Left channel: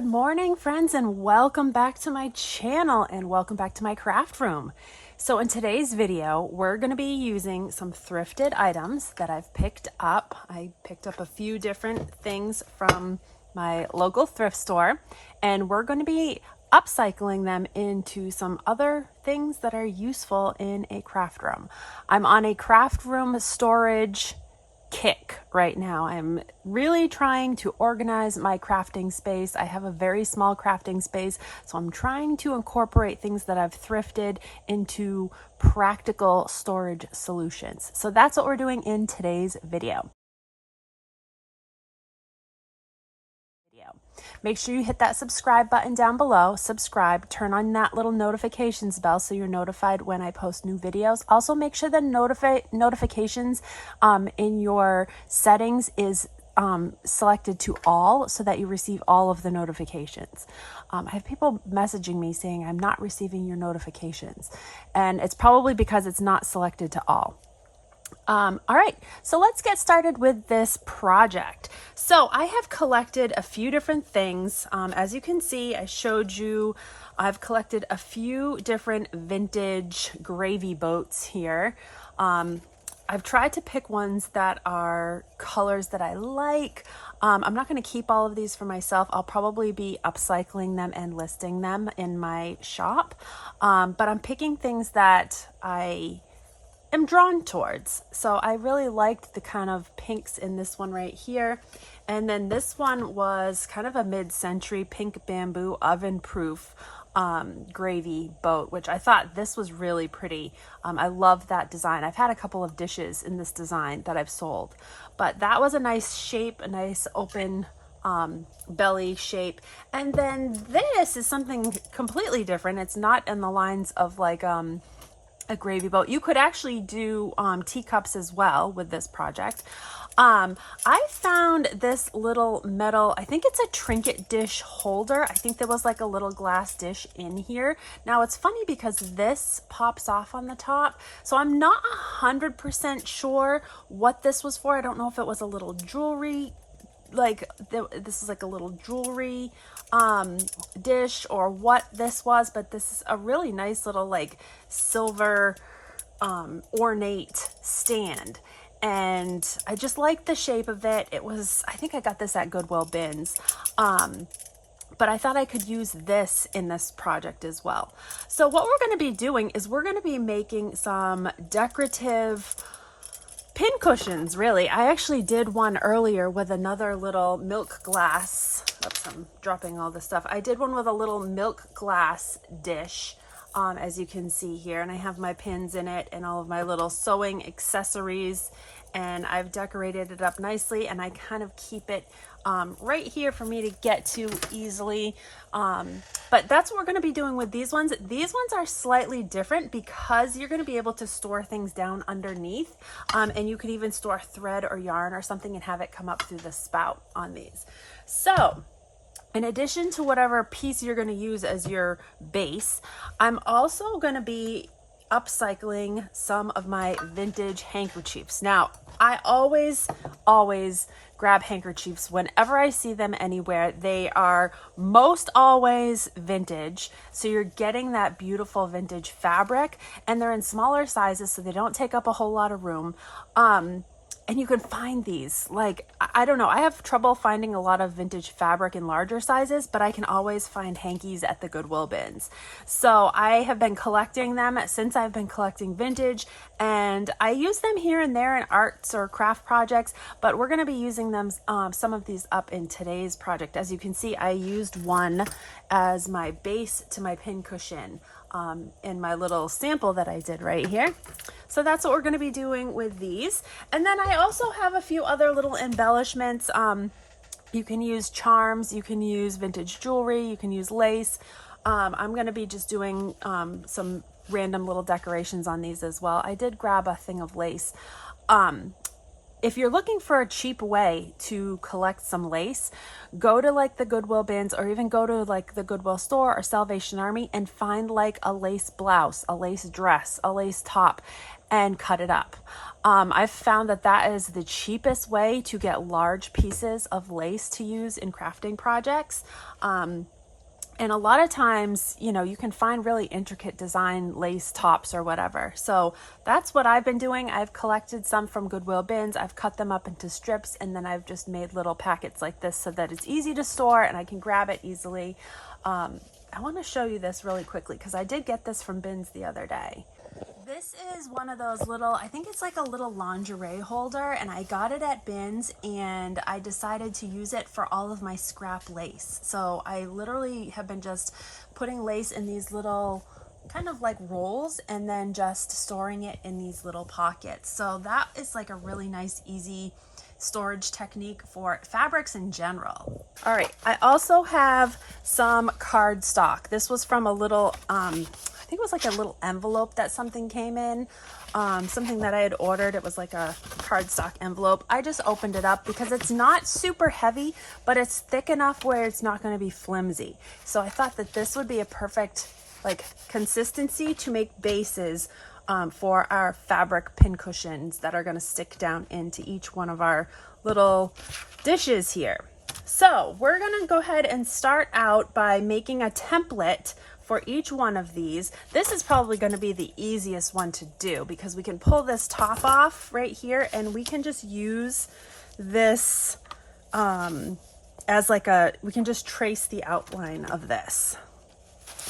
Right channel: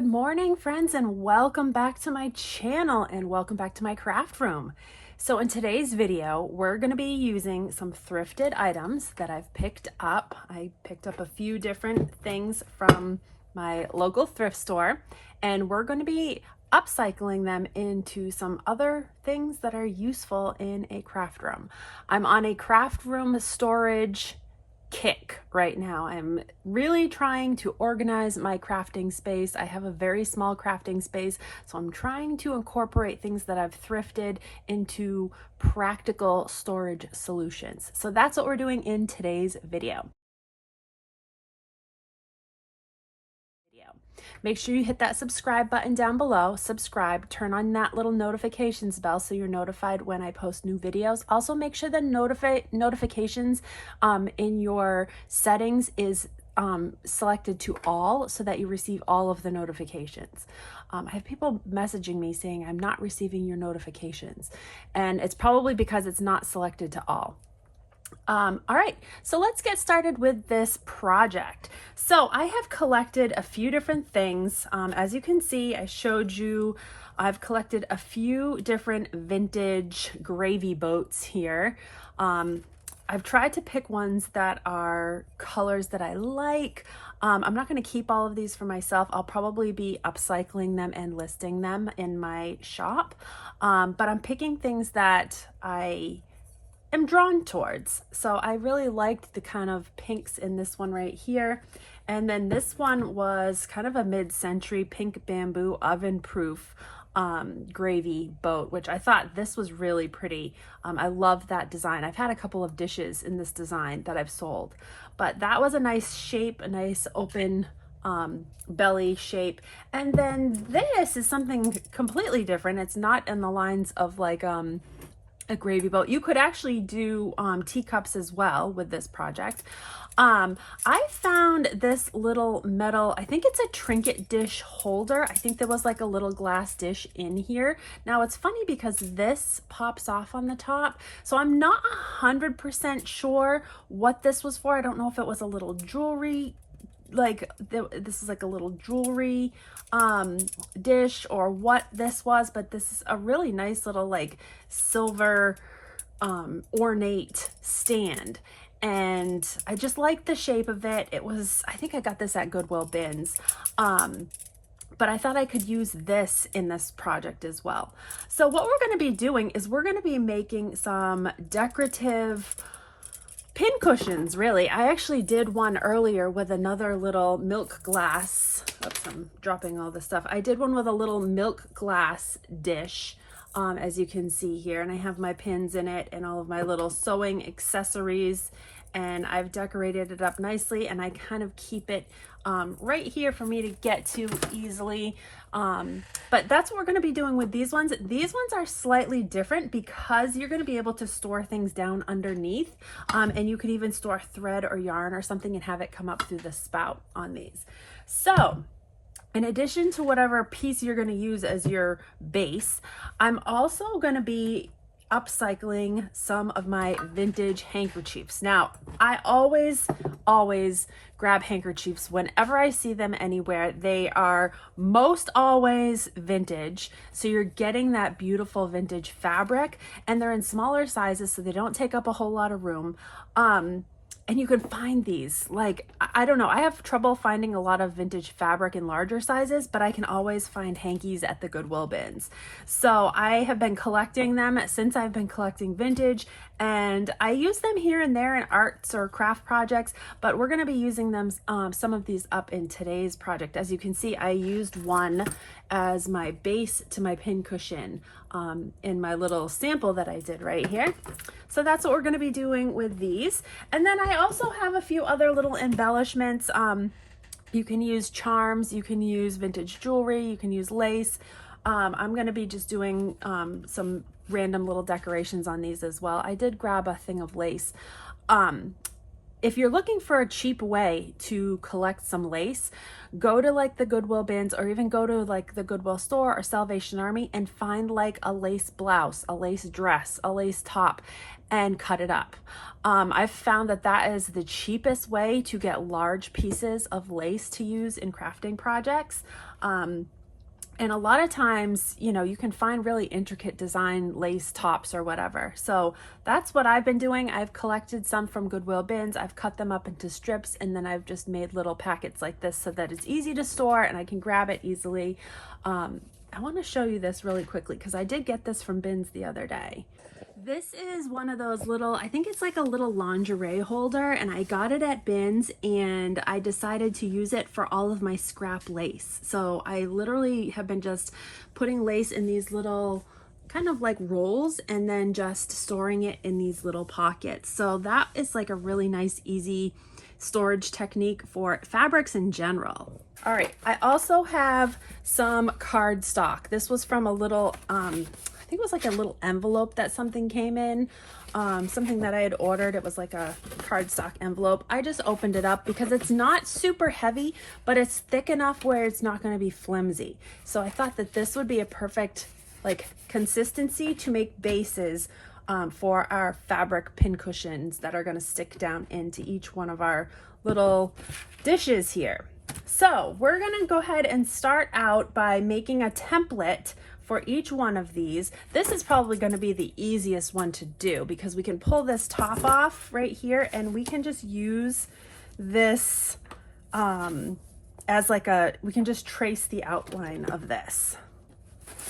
Good morning, friends, and welcome back to my channel and welcome back to my craft room. So in today's video, we're going to be using some thrifted items that I've picked up. I picked up a few different things from my local thrift store, and we're going to be upcycling them into some other things that are useful in a craft room. I'm on a craft room storage kick right now. I'm really trying to organize my crafting space. I have a very small crafting space, so I'm trying to incorporate things that I've thrifted into practical storage solutions. So that's what we're doing in today's video. Make sure you hit that subscribe button down below, subscribe, turn on that little notifications bell so you're notified when I post new videos. Also make sure the notifications in your settings is selected to all so that you receive all of the notifications. I have people messaging me saying I'm not receiving your notifications, and it's probably because it's not selected to all. All right, so let's get started with this project. So I have collected a few different things. As you can see, I showed you, I've collected a few different vintage gravy boats here. I've tried to pick ones that are colors that I like. I'm not going to keep all of these for myself. I'll probably be upcycling them and listing them in my shop. But I'm picking things that I am drawn towards. So I really liked the kind of pinks in this one right here. And then this one was kind of a mid-century pink bamboo oven proof gravy boat, which I thought this was really pretty. I love that design. I've had a couple of dishes in this design that I've sold, but that was a nice shape, a nice open belly shape. And then this is something completely different. It's not in the lines of like a gravy boat. You could actually do teacups as well with this project. I found this little metal, I think it's a trinket dish holder. I think there was like a little glass dish in here. Now it's funny because this pops off on the top, so I'm not 100% sure what this was for. I don't know if it was a little jewelry, like this is like a little jewelry dish or what this was, but this is a really nice little like silver ornate stand, and I just like the shape of it. It was, I think I got this at Goodwill bins, but I thought I could use this in this project as well. So what we're going to be doing is we're going to be making some decorative pin cushions. Really, I actually did one earlier with another little milk glass. Oops, I'm dropping all this stuff. I did one with a little milk glass dish, as you can see here, and I have my pins in it and all of my little sewing accessories, and I've decorated it up nicely, and I kind of keep it right here for me to get to easily. But that's what we're going to be doing with these ones. These ones are slightly different because you're going to be able to store things down underneath, and you could even store thread or yarn or something and have it come up through the spout on these. So in addition to whatever piece you're going to use as your base, I'm also going to be upcycling some of my vintage handkerchiefs. Now, I always grab handkerchiefs whenever I see them anywhere. They are most always vintage, so you're getting that beautiful vintage fabric, and they're in smaller sizes so they don't take up a whole lot of room. And you can find these, like, I don't know, I have trouble finding a lot of vintage fabric in larger sizes, but I can always find hankies at the Goodwill bins. So I have been collecting them since I've been collecting vintage, and I use them here and there in arts or craft projects, but we're going to be using them, some of these up in today's project. As you can see, I used one as my base to my pin cushion in my little sample that I did right here. So that's what we're going to be doing with these. And then I also have a few other little embellishments. You can use charms, you can use vintage jewelry, you can use lace. I'm going to be just doing some random little decorations on these as well. I did grab a thing of lace. If you're looking for a cheap way to collect some lace, go to like the Goodwill bins, or even go to like the Goodwill store or Salvation Army and find like a lace blouse, a lace dress, a lace top, and cut it up. I've found that that is the cheapest way to get large pieces of lace to use in crafting projects. And a lot of times, you know, you can find really intricate design lace tops or whatever. So that's what I've been doing. I've collected some from Goodwill bins. I've cut them up into strips, and then I've just made little packets like this so that it's easy to store and I can grab it easily. I want to show you this really quickly because I did get this from bins the other day. This is one of those little, I think it's like a little lingerie holder, and I got it at bins, and I decided to use it for all of my scrap lace. So I literally have been just putting lace in these little kind of like rolls and then just storing it in these little pockets. So that is like a really nice, easy storage technique for fabrics in general. All right, I also have some cardstock. This was from a little, I think it was like a little envelope that something came in, something that I had ordered. It was like a cardstock envelope. I just opened it up because it's not super heavy, but it's thick enough where it's not going to be flimsy. So I thought that this would be a perfect like consistency to make bases for our fabric pincushions that are going to stick down into each one of our little dishes here. So we're going to go ahead and start out by making a template for each one of these. This is probably going to be the easiest one to do because we can pull this top off right here and we can just use this as like we can just trace the outline of this.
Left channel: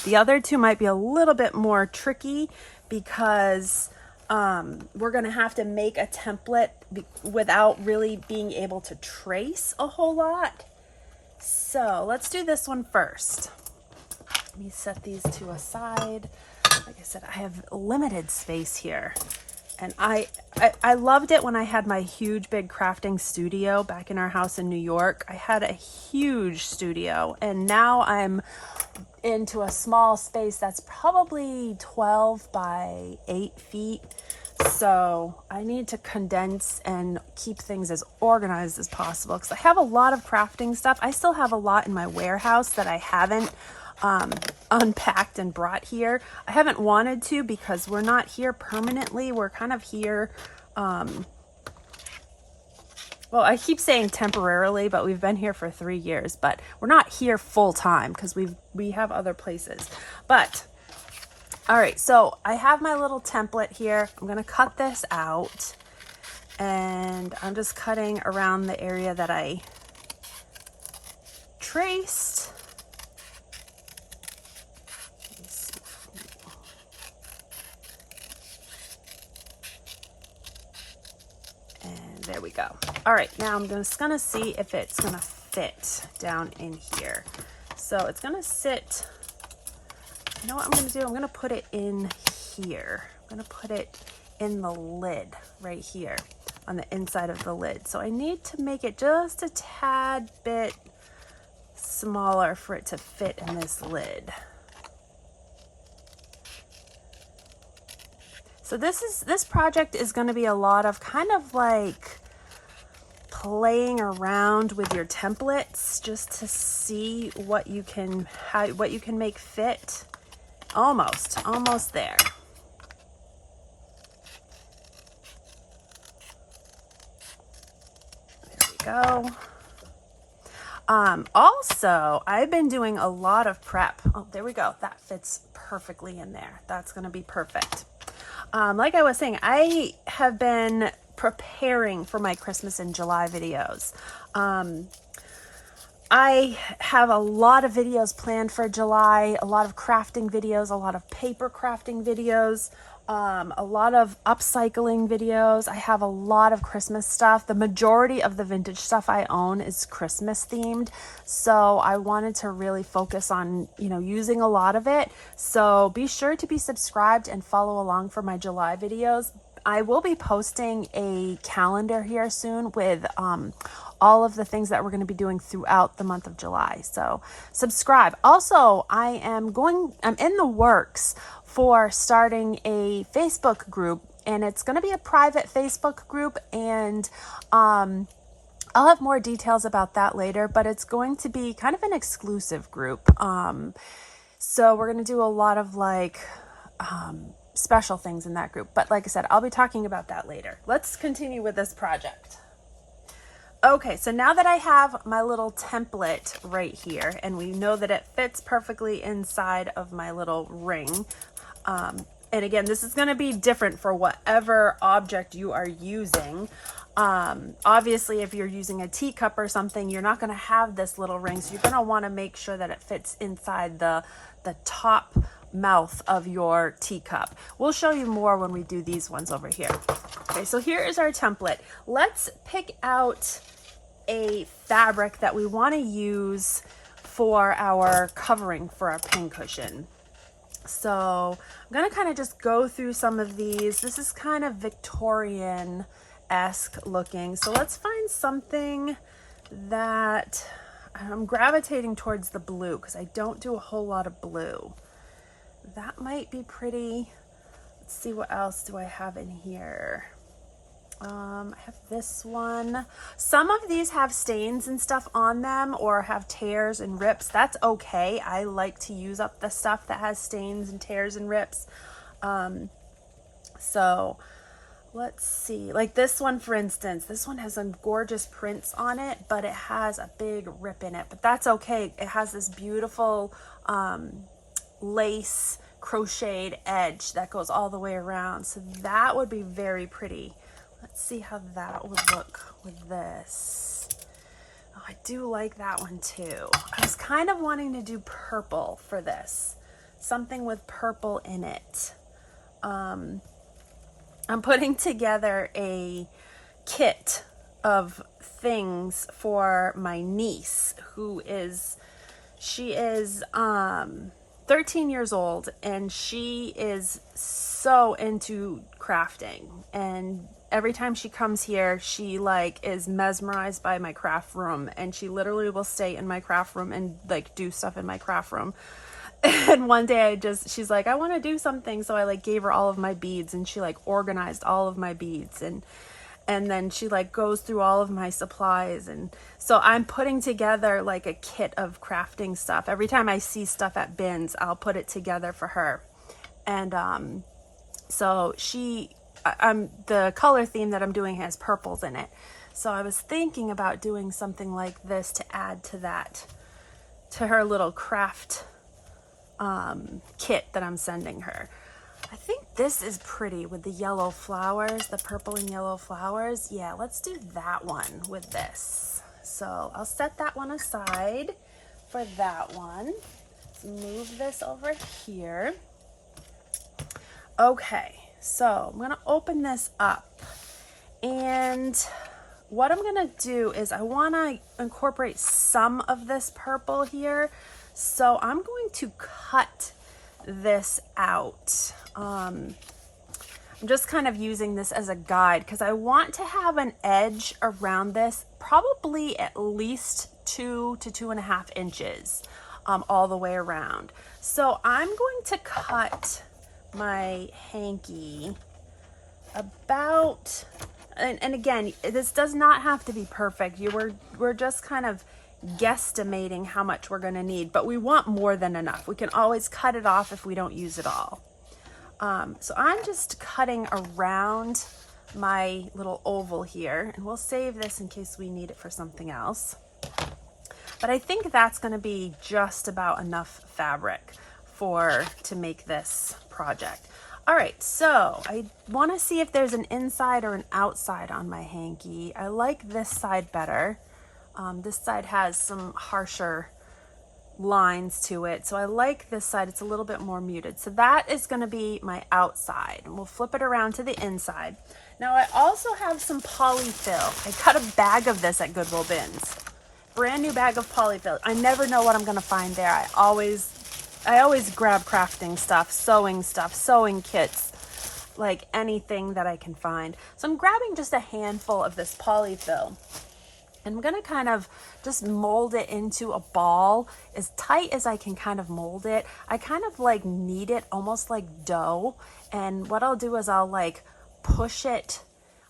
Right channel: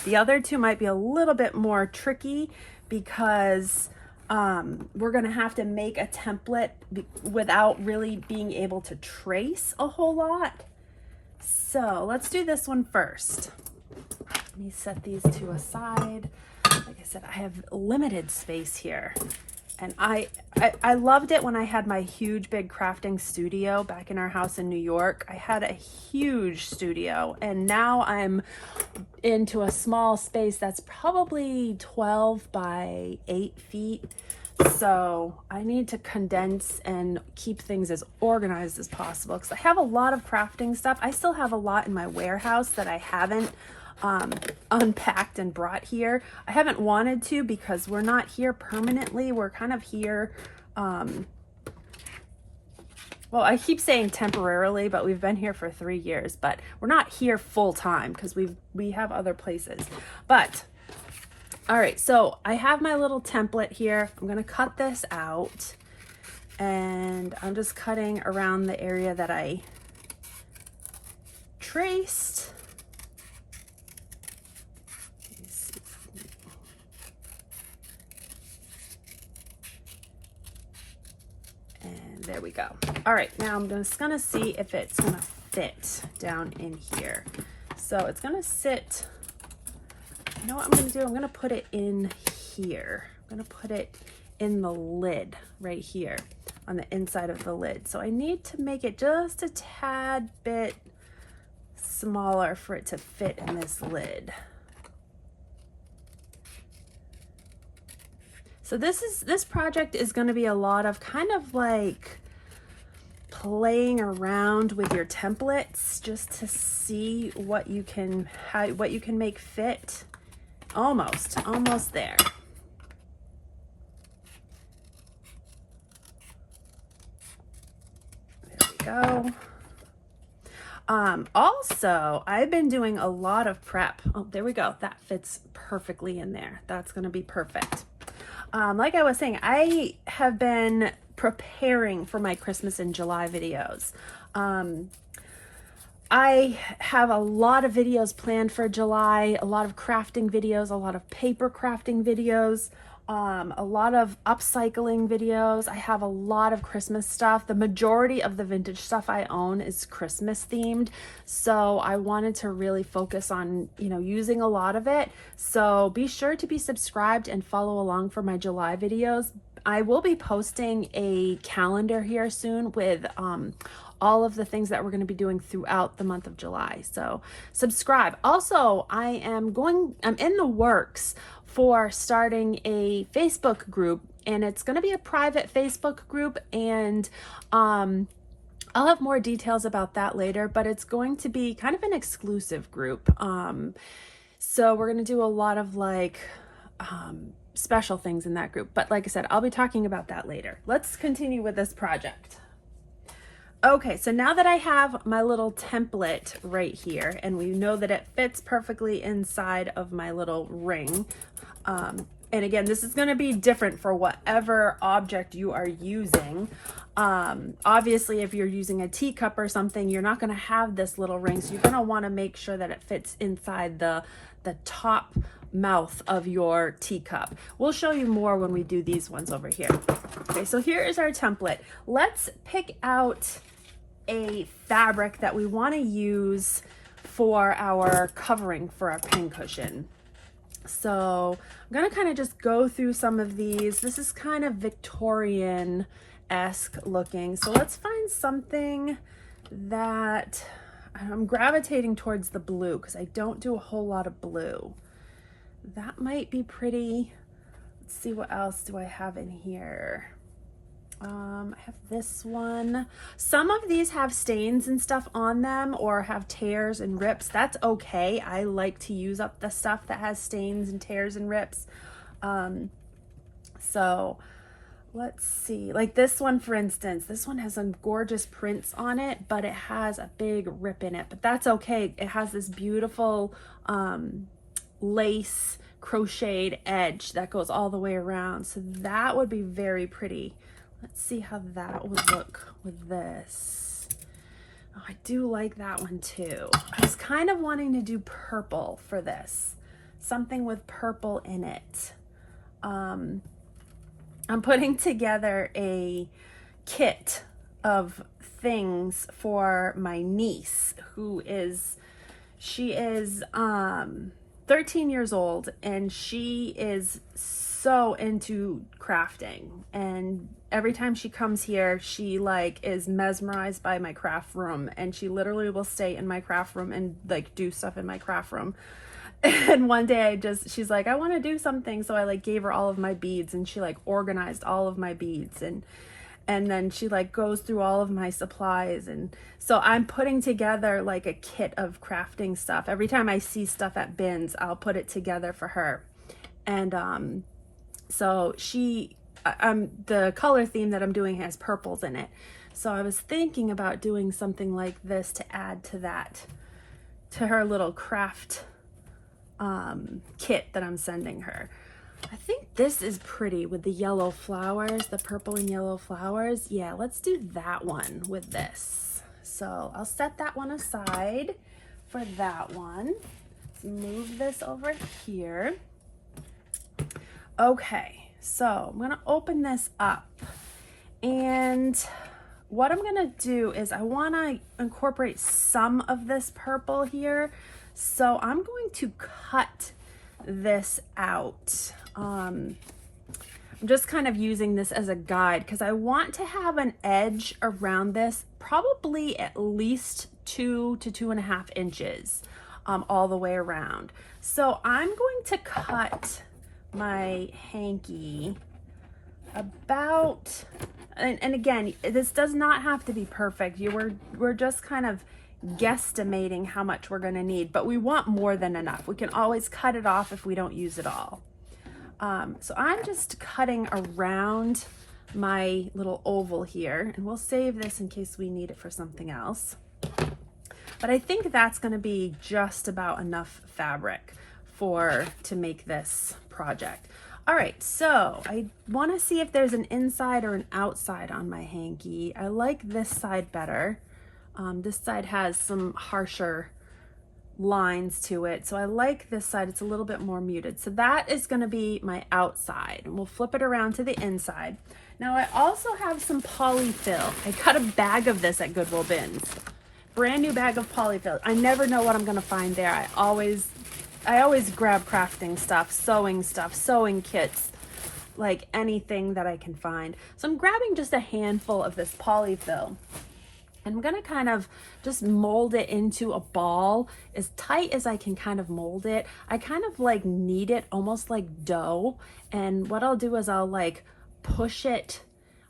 The other two might be a little bit more tricky because we're going to have to make a template without really being able to trace a whole lot. So let's do this one first. Let me set these two aside. Like I said, I have limited space here. And I loved it when I had my huge big crafting studio back in our house in New York. I had a huge studio, and now I'm into a small space that's probably 12 by 8 feet. So I need to condense and keep things as organized as possible because I have a lot of crafting stuff. I still have a lot in my warehouse that I haven't unpacked and brought here. I haven't wanted to because we're not here permanently. We're kind of here, well, I keep saying temporarily, but we've been here for 3 years, but we're not here full time because we have other places. But all right, so I have my little template here. I'm going to cut this out, and I'm just cutting around the area that I traced. And there we go. All right, now I'm just gonna see if it's gonna fit down in here. So it's gonna sit, you know what I'm gonna do? I'm gonna put it in here. I'm gonna put it in the lid right here on the inside of the lid. So I need to make it just a tad bit smaller for it to fit in this lid. So this project is going to be a lot of kind of like playing around with your templates just to see what you can make fit. Almost there. There we go. Also, I've been doing a lot of prep. Oh, there we go. That fits perfectly in there. That's going to be perfect. Like I was saying, I have been preparing for my Christmas in July videos. I have a lot of videos planned for July, a lot of crafting videos, a lot of paper crafting videos, a lot of upcycling videos. I have a lot of Christmas stuff. The majority of the vintage stuff I own is Christmas themed. So I wanted to really focus on, using a lot of it. So be sure to be subscribed and follow along for my July videos. I will be posting a calendar here soon with all of the things that we're going to be doing throughout the month of July. So subscribe. Also, I'm in the works for starting a Facebook group, and it's going to be a private Facebook group, and I'll have more details about that later, but it's going to be kind of an exclusive group. So we're going to do a lot of special things in that group, but like I said, I'll be talking about that later. Let's continue with this project. Okay, so now that I have my little template right here, and we know that it fits perfectly inside of my little ring, and again, this is going to be different for whatever object you are using. Obviously, if you're using a teacup or something, you're not going to have this little ring, so you're going to want to make sure that it fits inside the top mouth of your teacup. We'll show you more when we do these ones over here. Okay, so here is our template. Let's pick out a fabric that we want to use for our covering for our pincushion. So I'm going to kind of just go through some of these. This is kind of Victorian-esque looking. So let's find something that I'm gravitating towards the blue because I don't do a whole lot of blue. That might be pretty. Let's see, what else do I have in here? I have this one. Some of these have stains and stuff on them or have tears and rips. That's okay. I like to use up the stuff that has stains and tears and rips. So let's see, like this one, for instance, this one has some gorgeous prints on it, but it has a big rip in it, but that's okay. It has this beautiful, lace crocheted edge that goes all the way around. So that would be very pretty. Let's see how that would look with this. Oh, I do like that one too. I was kind of wanting to do purple for this. Something with purple in it. I'm putting together a kit of things for my niece she is 13 years old, and she is so into crafting, and every time she comes here she like is mesmerized by my craft room, and she literally will stay in my craft room and like do stuff in my craft room. And one day she's like, I want to do something, so I like gave her all of my beads, and she like organized all of my beads, and then she like goes through all of my supplies. And so I'm putting together like a kit of crafting stuff. Every time I see stuff at bins, I'll put it together for her. And so the color theme that I'm doing has purples in it. So I was thinking about doing something like this to add to that, to her little craft kit that I'm sending her. I think this is pretty with the yellow flowers, the purple and yellow flowers. Yeah, let's do that one with this. So I'll set that one aside for that one. Let's move this over here. Okay, so I'm gonna open this up, and what I'm gonna do is I wanna incorporate some of this purple here. So I'm going to cut this out. I'm just kind of using this as a guide because I want to have an edge around this, probably at least 2 to 2.5 inches all the way around. So I'm going to cut my hanky about, and again, this does not have to be perfect. We're just kind of guesstimating how much we're going to need, but we want more than enough. We can always cut it off if we don't use it all. So I'm just cutting around my little oval here, and we'll save this in case we need it for something else. But I think that's going to be just about enough fabric to make this project. All right, so I want to see if there's an inside or an outside on my hanky. I like this side better. This side has some harsher lines to it, so I like this side. It's a little bit more muted. So that is going to be my outside, and we'll flip it around to the inside. Now I also have some polyfill. I got a bag of this at Goodwill bins, brand new bag of polyfill. I never know what I'm going to find there. I always grab crafting stuff, sewing kits, like anything that I can find. So I'm grabbing just a handful of this polyfill. I'm going to kind of just mold it into a ball as tight as I can kind of mold it. I kind of like knead it almost like dough. And what I'll do is I'll like push it,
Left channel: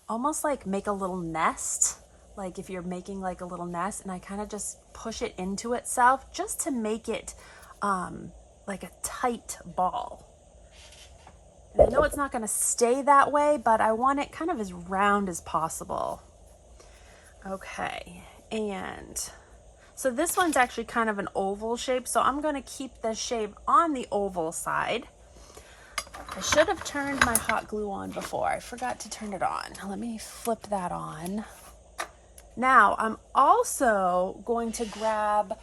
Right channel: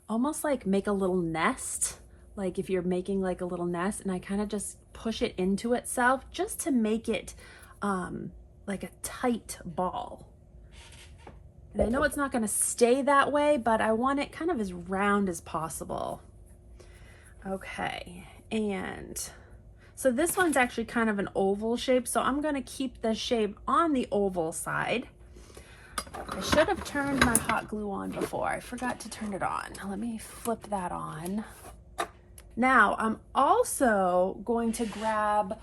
almost like make a little nest. Like if you're making like a little nest, and I kind of just push it into itself just to make it like a tight ball. And I know it's not going to stay that way, but I want it kind of as round as possible. Okay, and so this one's actually kind of an oval shape, so I'm going to keep the shape on the oval side. I should have turned my hot glue on before. I forgot to turn it on. Let me flip that on. Now I'm also going to grab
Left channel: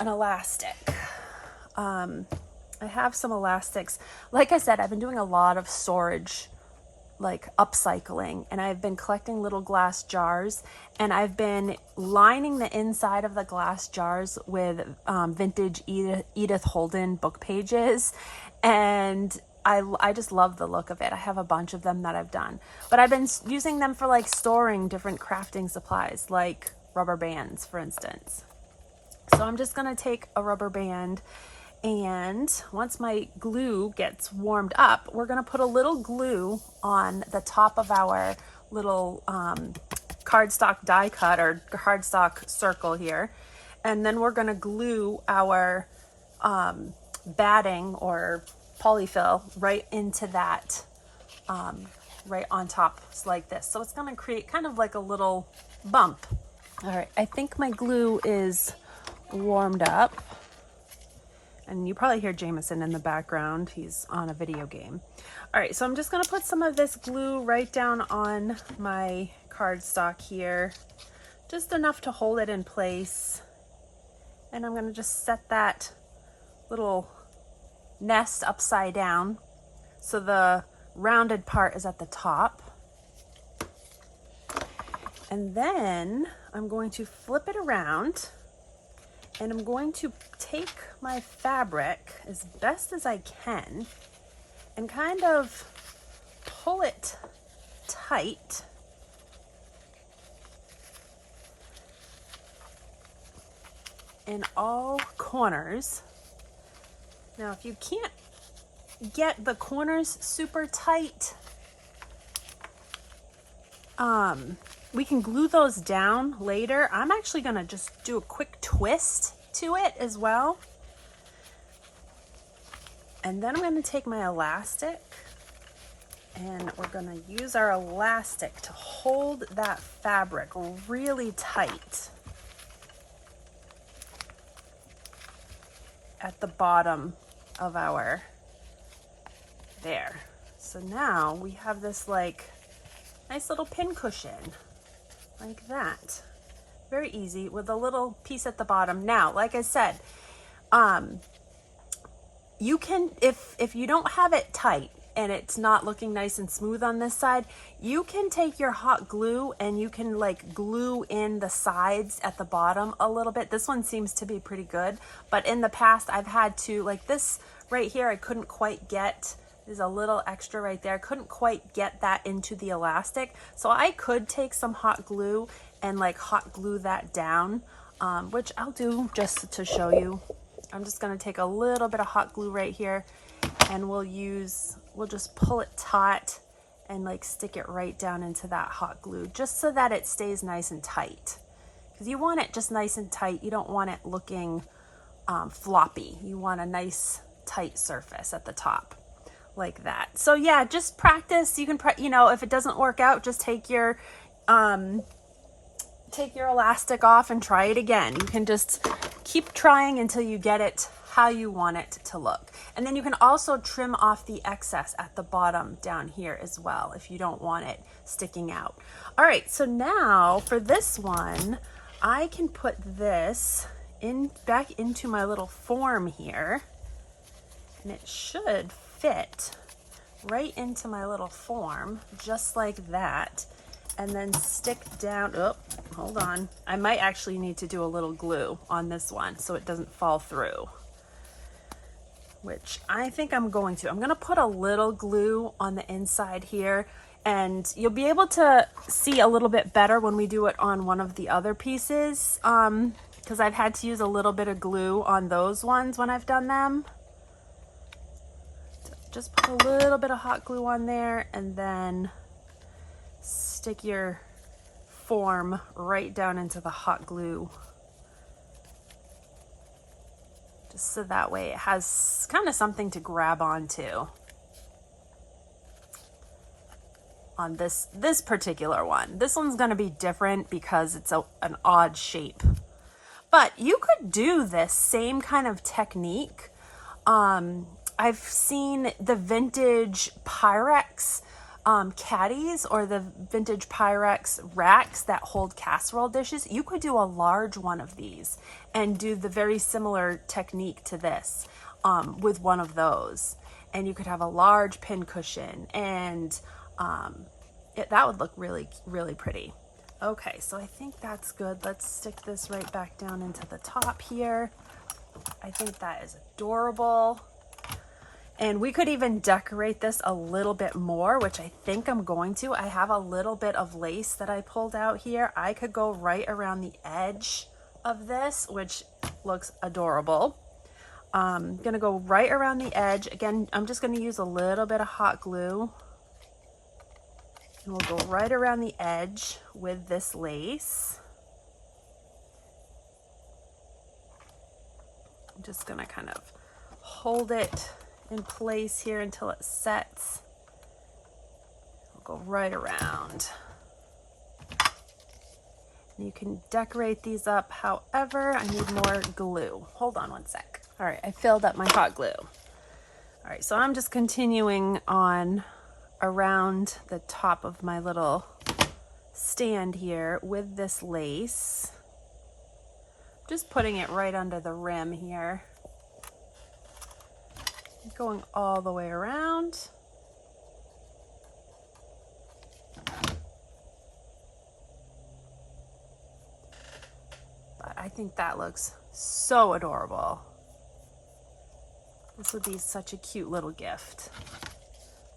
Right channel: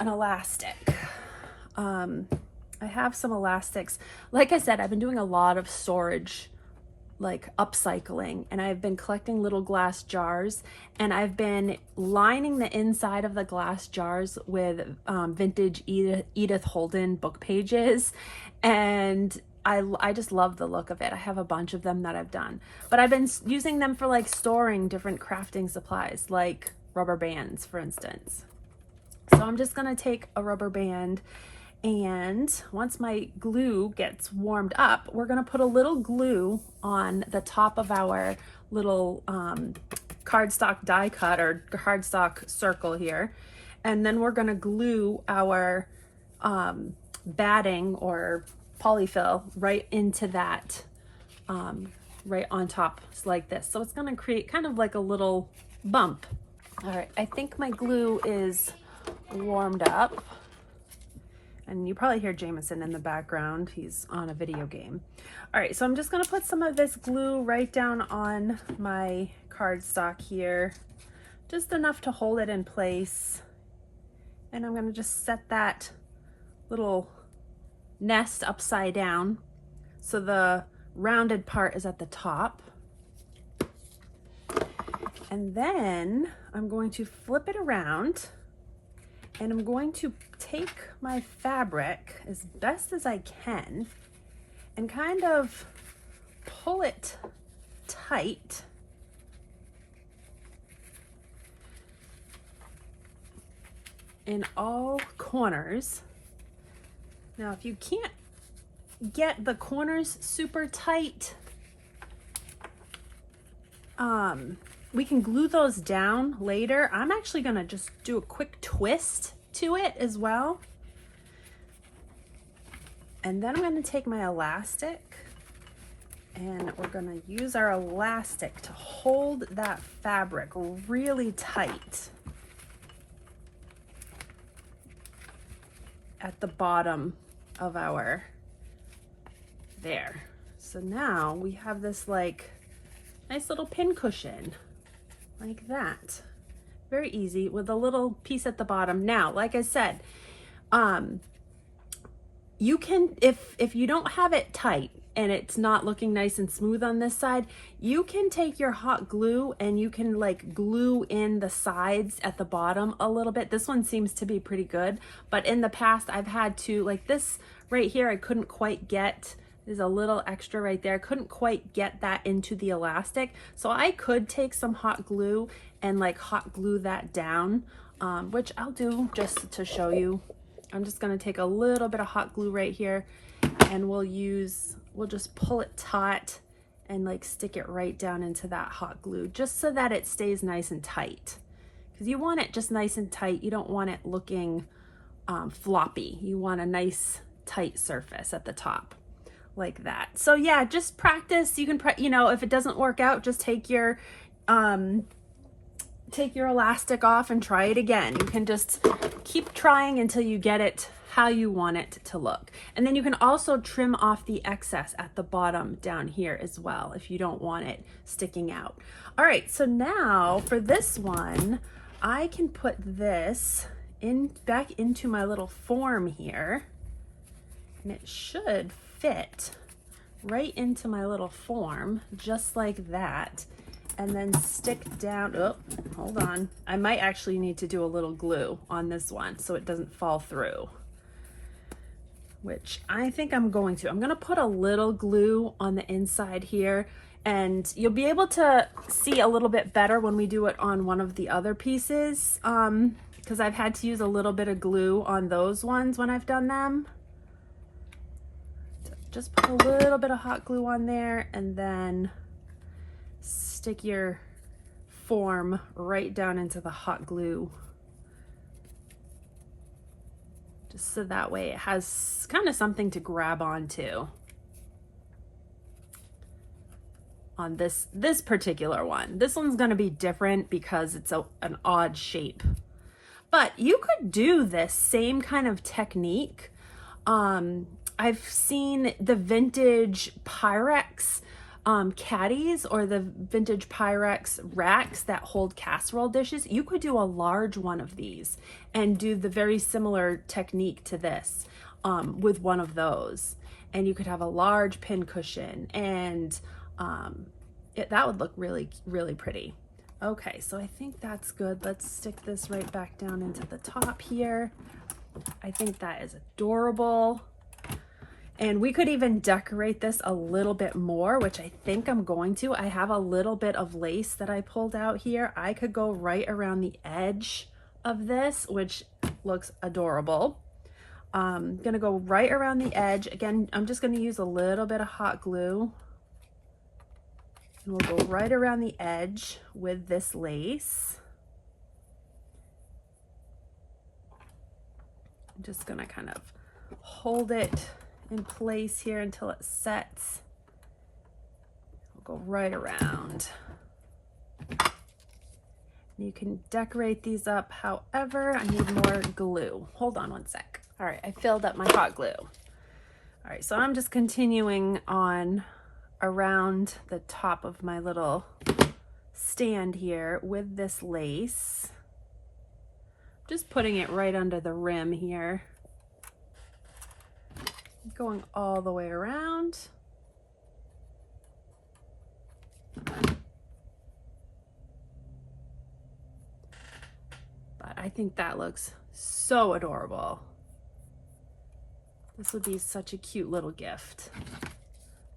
an elastic. I have some elastics. Like I said, I've been doing a lot of storage, like upcycling, and I've been collecting little glass jars, and I've been lining the inside of the glass jars with vintage Edith Holden book pages, and I just love the look of it. I have a bunch of them that I've done, but I've been using them for like storing different crafting supplies, like rubber bands, for instance. So I'm just gonna take a rubber band, and once my glue gets warmed up, we're gonna put a little glue on the top of our little cardstock die cut or cardstock circle here. And then we're gonna glue our batting or polyfill right into that, right on top like this. So it's gonna create kind of like a little bump. All right, I think my glue is warmed up. And you probably hear Jameson in the background. He's on a video game. All right, so I'm just gonna put some of this glue right down on my cardstock here, just enough to hold it in place. And I'm gonna just set that little nest upside down so the rounded part is at the top. And then I'm going to flip it around, and I'm going to take my fabric as best as I can and kind of pull it tight in all corners. Now, if you can't get the corners super tight, we can glue those down later. I'm actually gonna just do a quick twist to it as well. And then I'm gonna take my elastic, and we're gonna use our elastic to hold that fabric really tight at the bottom of our, there. So now we have this like nice little pin cushion like that. Very easy with a little piece at the bottom. Now, like I said, you can, if you don't have it tight and it's not looking nice and smooth on this side, you can take your hot glue and you can like glue in the sides at the bottom a little bit. This one seems to be pretty good, but in the past I've had to, like this right here, I couldn't quite get, there's a little extra right there. I couldn't quite get that into the elastic. So I could take some hot glue and like hot glue that down, which I'll do just to show you. I'm just gonna take a little bit of hot glue right here, and we'll just pull it taut and like stick it right down into that hot glue, just so that it stays nice and tight. Because you want it just nice and tight. You don't want it looking floppy. You want a nice tight surface at the top like that. So yeah, just practice. You can, you know, if it doesn't work out, just take your elastic off and try it again. You can just keep trying until you get it how you want it to look. And then you can also trim off the excess at the bottom down here as well if you don't want it sticking out. All right, so now for this one, I can put this in back into my little form here, and it should fit right into my little form just like that. And then stick down, oh, hold on. I might actually need to do a little glue on this one so it doesn't fall through, which I think I'm going to. I'm gonna put a little glue on the inside here, and you'll be able to see a little bit better when we do it on one of the other pieces, because I've had to use a little bit of glue on those ones when I've done them. So just put a little bit of hot glue on there, and then stick your form right down into the hot glue, just so that way it has kind of something to grab onto. on this particular one. This one's going to be different because it's an odd shape. But you could do this same kind of technique. I've seen the vintage Pyrex caddies or the vintage Pyrex racks that hold casserole dishes. You could do a large one of these and do the very similar technique to this with one of those. And you could have a large pin cushion, and that would look really, really pretty. Okay, so I think that's good. Let's stick this right back down into the top here. I think that is adorable. And we could even decorate this a little bit more, which I think I'm going to. I have a little bit of lace that I pulled out here. I could go right around the edge of this, which looks adorable. I'm gonna go right around the edge. Again, I'm just gonna use a little bit of hot glue. And we'll go right around the edge with this lace. I'm just gonna kind of hold it in place here until it sets. I'll go right around. You can decorate these up however. I need more glue. Hold on one sec. All right, I filled up my hot glue. All right, so I'm just continuing on around the top of my little stand here with this lace. Just putting it right under the rim here. Going all the way around. But I think that looks so adorable. This would be such a cute little gift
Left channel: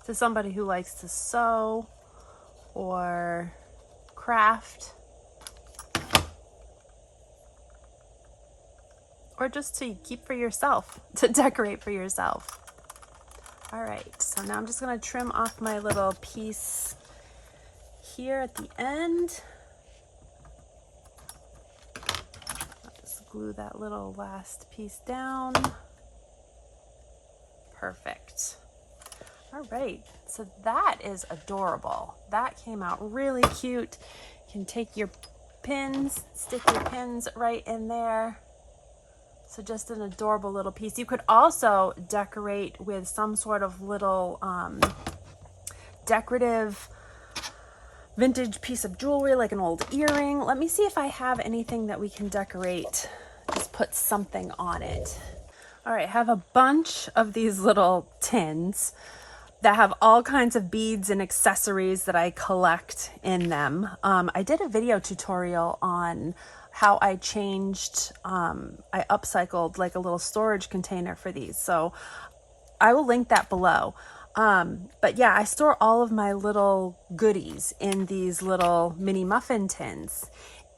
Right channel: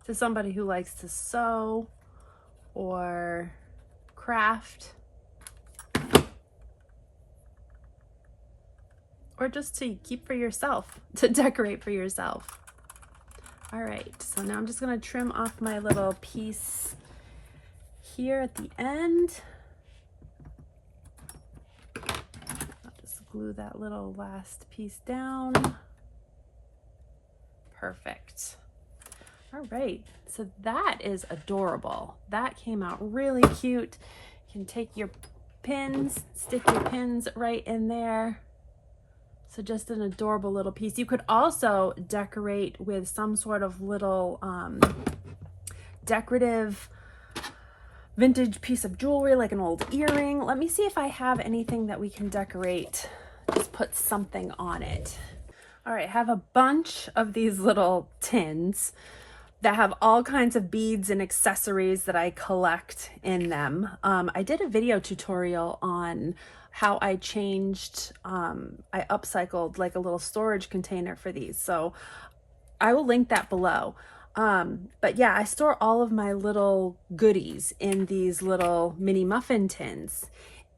to somebody who likes to sew or craft, or just to keep for yourself, to decorate for yourself. All right, so now I'm just gonna trim off my little piece here at the end. I'll just glue that little last piece down. Perfect. All right, so that is adorable. That came out really cute. You can take your pins, stick your pins right in there. So just an adorable little piece. You could also decorate with some sort of little decorative vintage piece of jewelry, like an old earring. Let me see if I have anything that we can decorate. Just put something on it. All right, I have a bunch of these little tins that have all kinds of beads and accessories that I collect in them. I did a video tutorial on how I changed, I upcycled like a little storage container for these. So I will link that below. But yeah, I store all of my little goodies in these little mini muffin tins.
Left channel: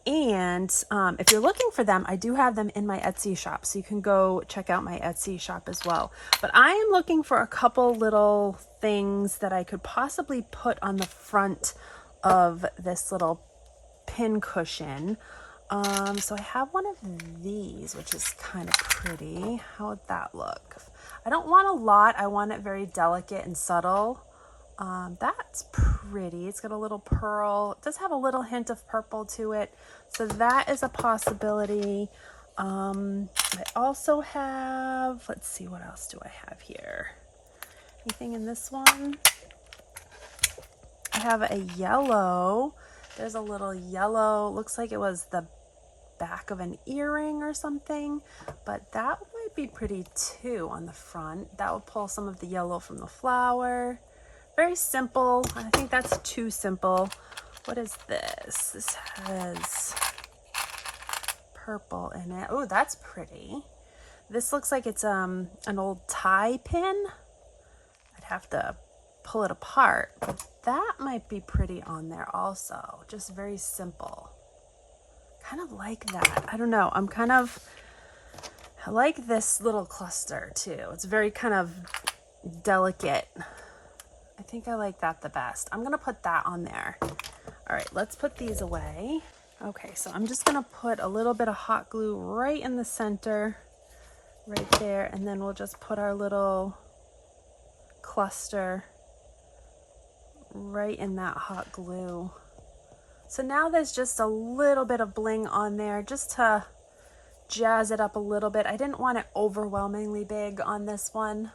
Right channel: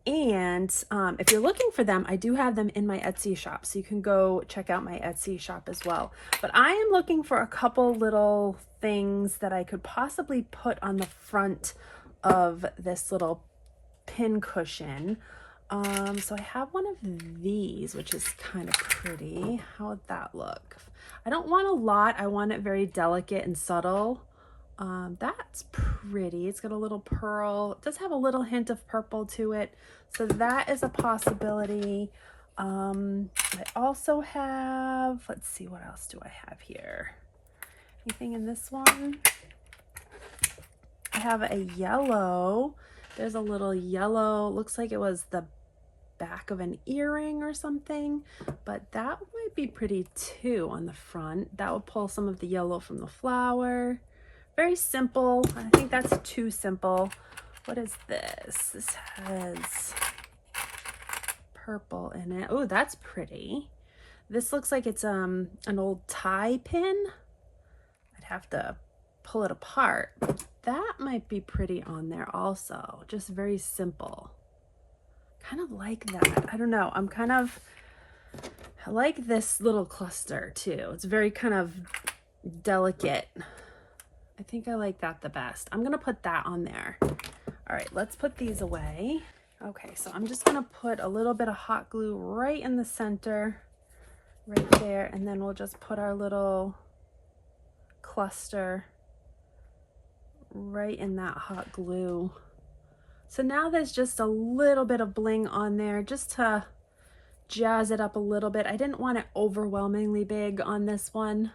And if you're looking for them, I do have them in my Etsy shop. So you can go check out my Etsy shop as well. But I am looking for a couple little things that I could possibly put on the front of this little pin cushion. So I have one of these, which is kind of pretty. How would that look? I don't want a lot. I want it very delicate and subtle. That's pretty. It's got a little pearl. It does have a little hint of purple to it. So that is a possibility. I also have, let's see, what else do I have here? Anything in this one? I have a yellow. There's a little yellow, looks like it was the back of an earring or something, but that might be pretty too on the front. That will pull some of the yellow from the flower. Very simple. I think that's too simple. What is this? This has purple in it. Oh, that's pretty. This looks like it's an old tie pin. I'd have to pull it apart. That might be pretty on there also. Just very simple. Kind of like that. I don't know. I like this little cluster too. It's very kind of delicate. I think I like that the best. I'm gonna put that on there. All right, let's put these away. Okay, so I'm just gonna put a little bit of hot glue right in the center, right there, and then we'll just put our little cluster right in that hot glue. So now there's just a little bit of bling on there just to jazz it up a little bit. I didn't want it overwhelmingly big on this one,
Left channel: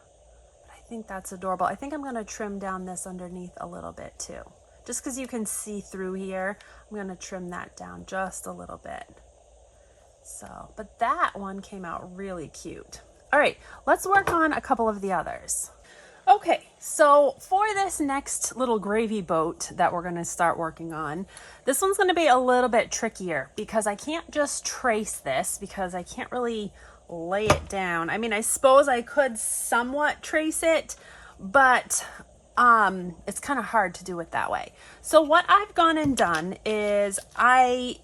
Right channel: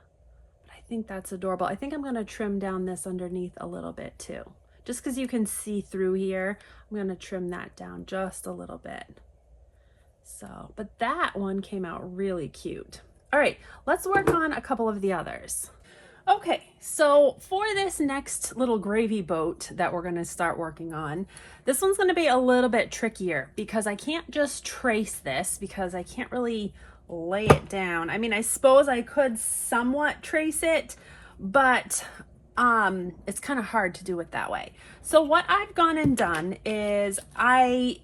but I think that's adorable. I think I'm going to trim down this underneath a little bit too. Just because you can see through here, I'm going to trim that down just a little bit. So, but that one came out really cute. All right, let's work on a couple of the others. Okay, so for this next little gravy boat that we're going to start working on, this one's going to be a little bit trickier because I can't just trace this because I can't really lay it down. I mean, I suppose I could somewhat trace it, but it's kind of hard to do it that way. So what I've gone and done is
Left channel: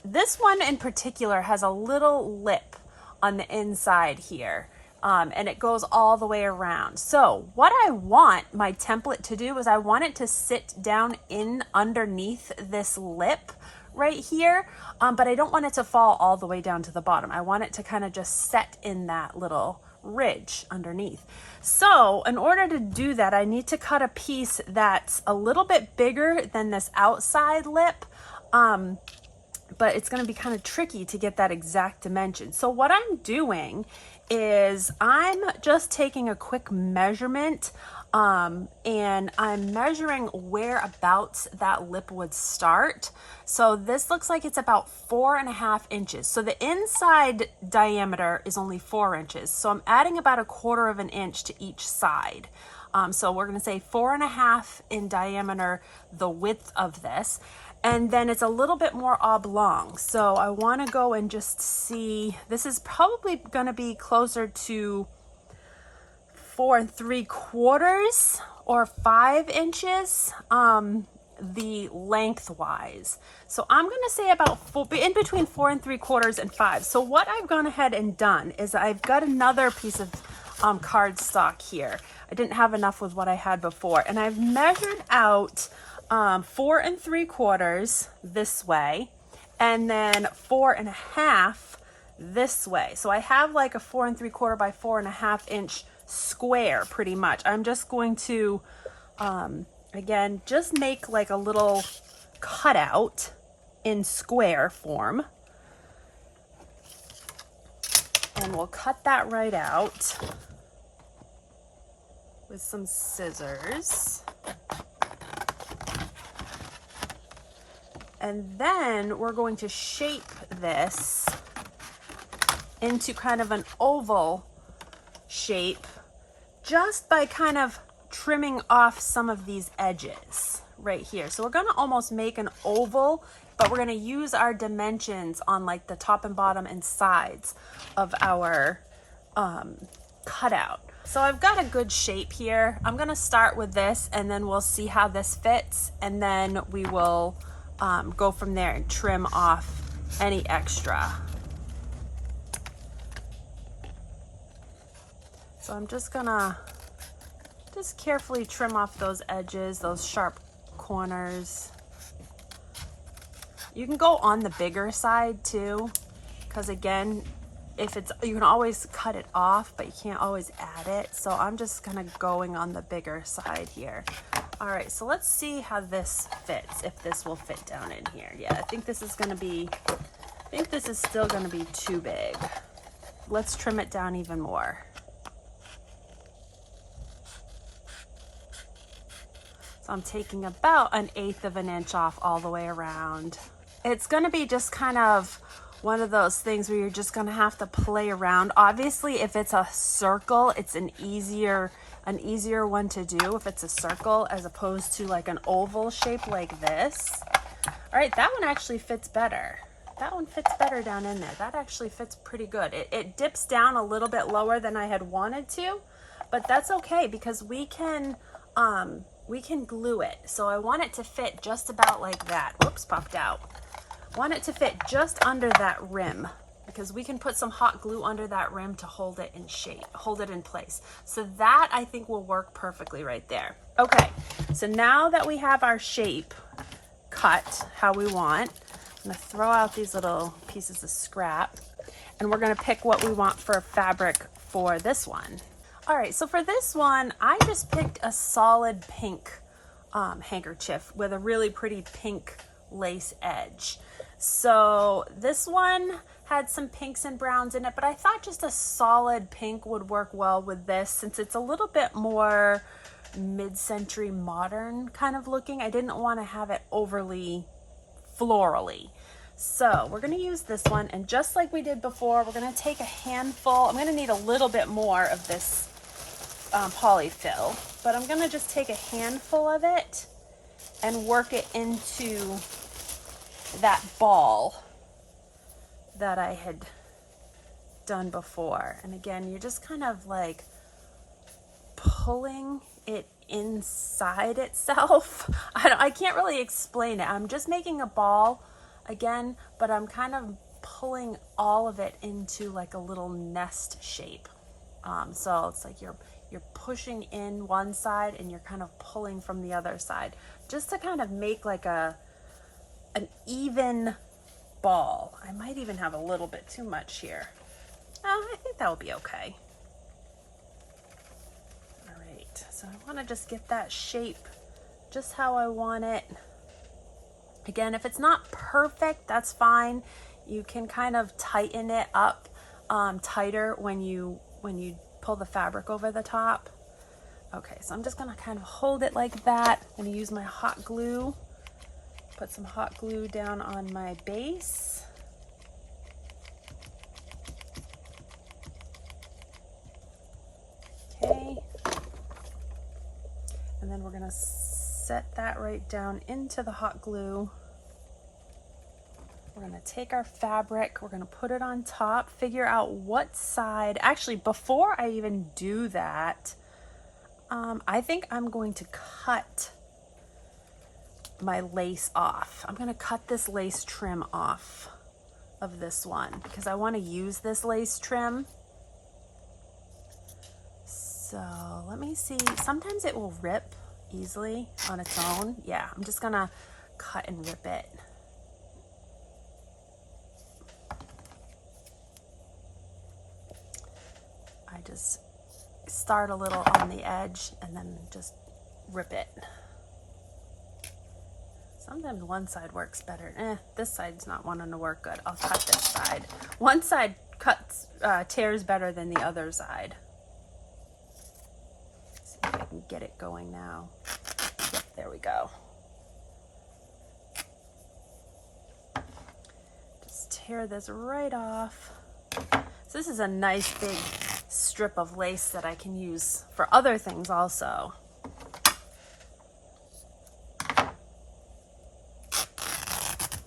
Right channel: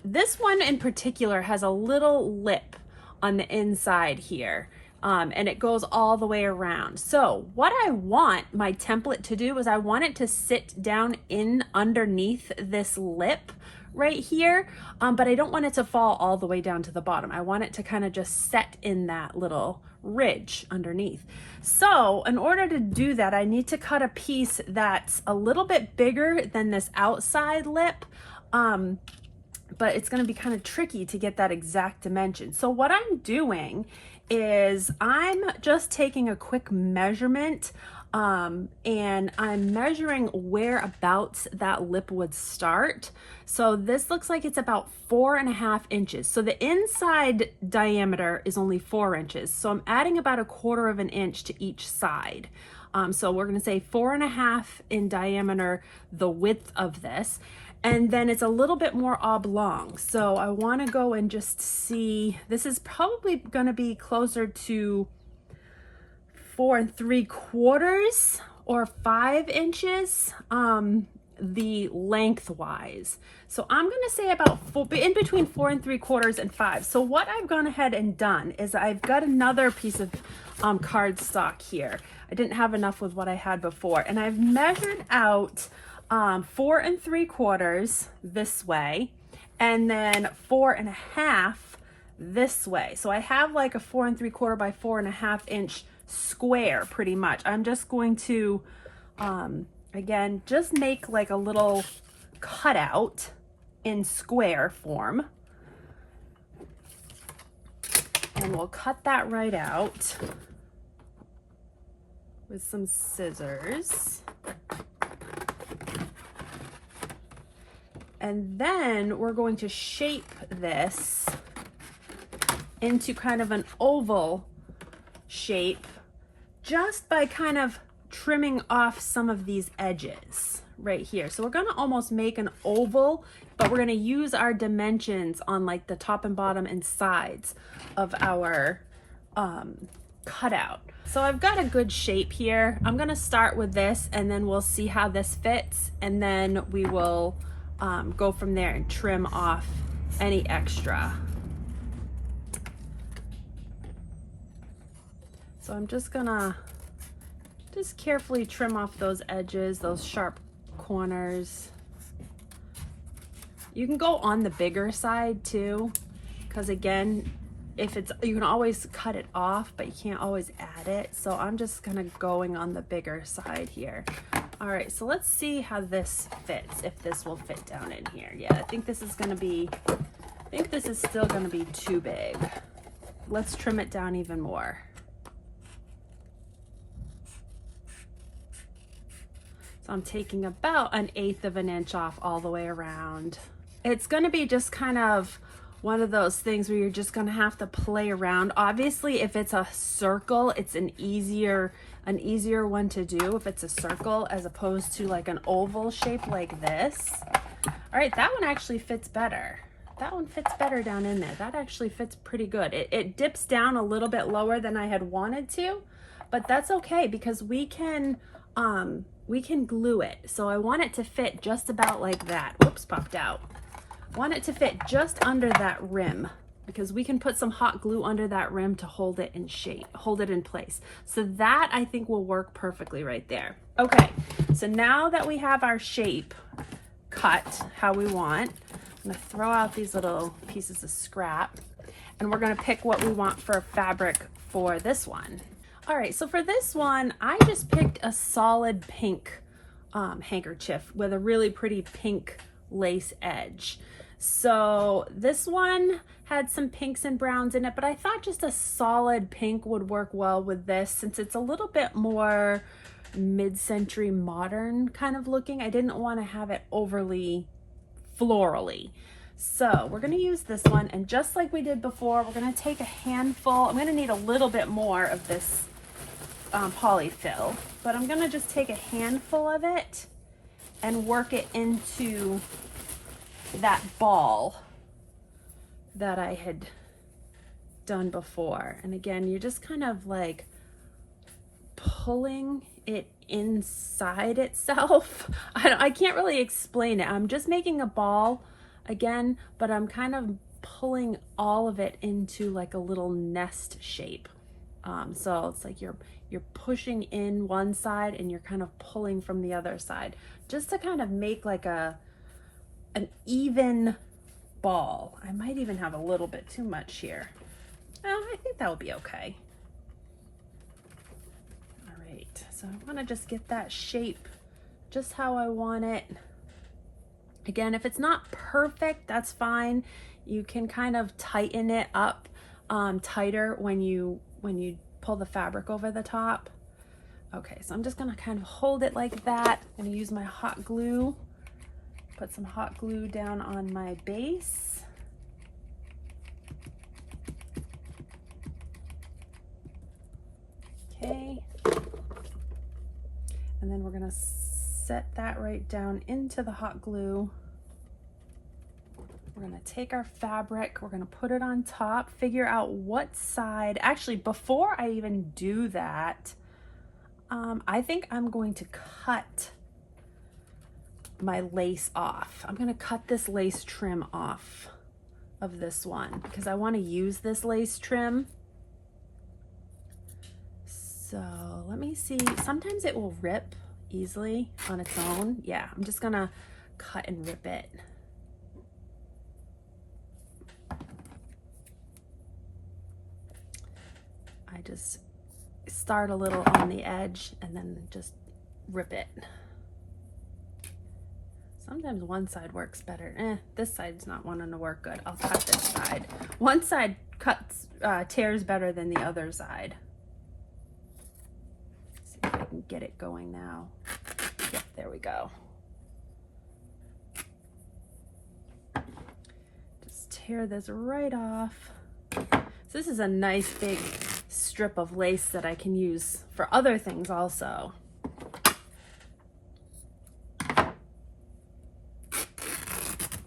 this one in particular has a little lip on the inside here. And it goes all the way around. So what I want my template to do is I want it to sit down in underneath this lip right here, but I don't want it to fall all the way down to the bottom. I want it to kind of just set in that little ridge underneath. So in order to do that, I need to cut a piece that's a little bit bigger than this outside lip, but it's going to be kind of tricky to get that exact dimension. So what I'm doing is I'm just taking a quick measurement and I'm measuring whereabouts that lip would start. So this looks like it's about 4.5 inches. So the inside diameter is only 4 inches. So I'm adding about 1/4 of an inch to each side. So we're going to say 4.5 in diameter, the width of this. And then it's a little bit more oblong. So I want to go and just see, this is probably going to be closer to 4 3/4 or 5 inches, the lengthwise. So I'm going to say about in between 4 3/4 and 5. So what I've gone ahead and done is I've got another piece of cardstock here. I didn't have enough with what I had before. And I've measured out 4 3/4 this way, and then 4.5 this way. So I have like a 4 3/4 by 4.5 inch square pretty much. I'm just going to, again, just make like a little cutout in square form. And we'll cut that right out with some scissors. And then we're going to shape this into kind of an oval shape just by kind of trimming off some of these edges right here. So we're going to almost make an oval, but we're going to use our dimensions on like the top and bottom and sides of our cutout. So I've got a good shape here. I'm going to start with this and then we'll see how this fits, and then we will go from there and trim off any extra. So I'm just gonna carefully trim off those edges, those sharp corners. You can go on the bigger side too, because again, if it's, you can always cut it off, but you can't always add it. So I'm just kind of going on the bigger side here. All right, so let's see how this fits, if this will fit down in here. Yeah, I think this is gonna be, I think this is still gonna be too big. Let's trim it down even more. So I'm taking about 1/8 of an inch off all the way around. It's gonna be just kind of one of those things where you're just gonna have to play around. Obviously, if it's a circle, it's an easier one to do if it's a circle as opposed to like an oval shape like this. All right, that one actually fits better. That one fits better down in there. That actually fits pretty good. It dips down a little bit lower than I had wanted to, but that's okay because we can glue it. So I want it to fit just about like that. Whoops, popped out. Want it to fit just under that rim, because we can put some hot glue under that rim to hold it in shape, hold it in place. So that I think will work perfectly right there. Okay, so now that we have our shape cut how we want, I'm gonna throw out these little pieces of scrap and we're gonna pick what we want for a fabric for this one. All right, so for this one, I just picked a solid pink handkerchief with a really pretty pink lace edge. So this one had some pinks and browns in it, but I thought just a solid pink would work well with this since it's a little bit more mid-century modern kind of looking. I didn't want to have it overly florally. So we're going to use this one, and just like we did before, we're going to take a handful. I'm going to need a little bit more of this polyfill, but I'm going to just take a handful of it and work it into that ball that I had done before. And again, you're just kind of like pulling it inside itself. I can't really explain it. I'm just making a ball again, but I'm kind of pulling all of it into like a little nest shape. So it's like you're pushing in one side and you're kind of pulling from the other side, just to kind of make like an even ball. I might even have a little bit too much here. I think that will be okay. All right, so I want to just get that shape just how I want it. Again, if it's not perfect, that's fine. You can kind of tighten it up tighter when you pull the fabric over the top. Okay, so I'm just gonna kind of hold it like that. I'm gonna use my hot glue. Put some hot glue down on my base. Okay. And then we're gonna set that right down into the hot glue. We're gonna take our fabric, we're gonna put it on top, figure out what side. Actually, before I even do that, I think I'm going to cut my lace off. I'm gonna cut this lace trim off of this one because I want to use this lace trim. So let me see, sometimes it will rip easily on its own. Yeah, I'm just gonna cut and rip it. I just start a little on the edge and then just rip it. Sometimes one side works better. This side's not wanting to work good. I'll cut this side. One side tears better than the other side. See if I can get it going now. Yep, there we go. Just tear this right off. So this is a nice big strip of lace that I can use for other things also.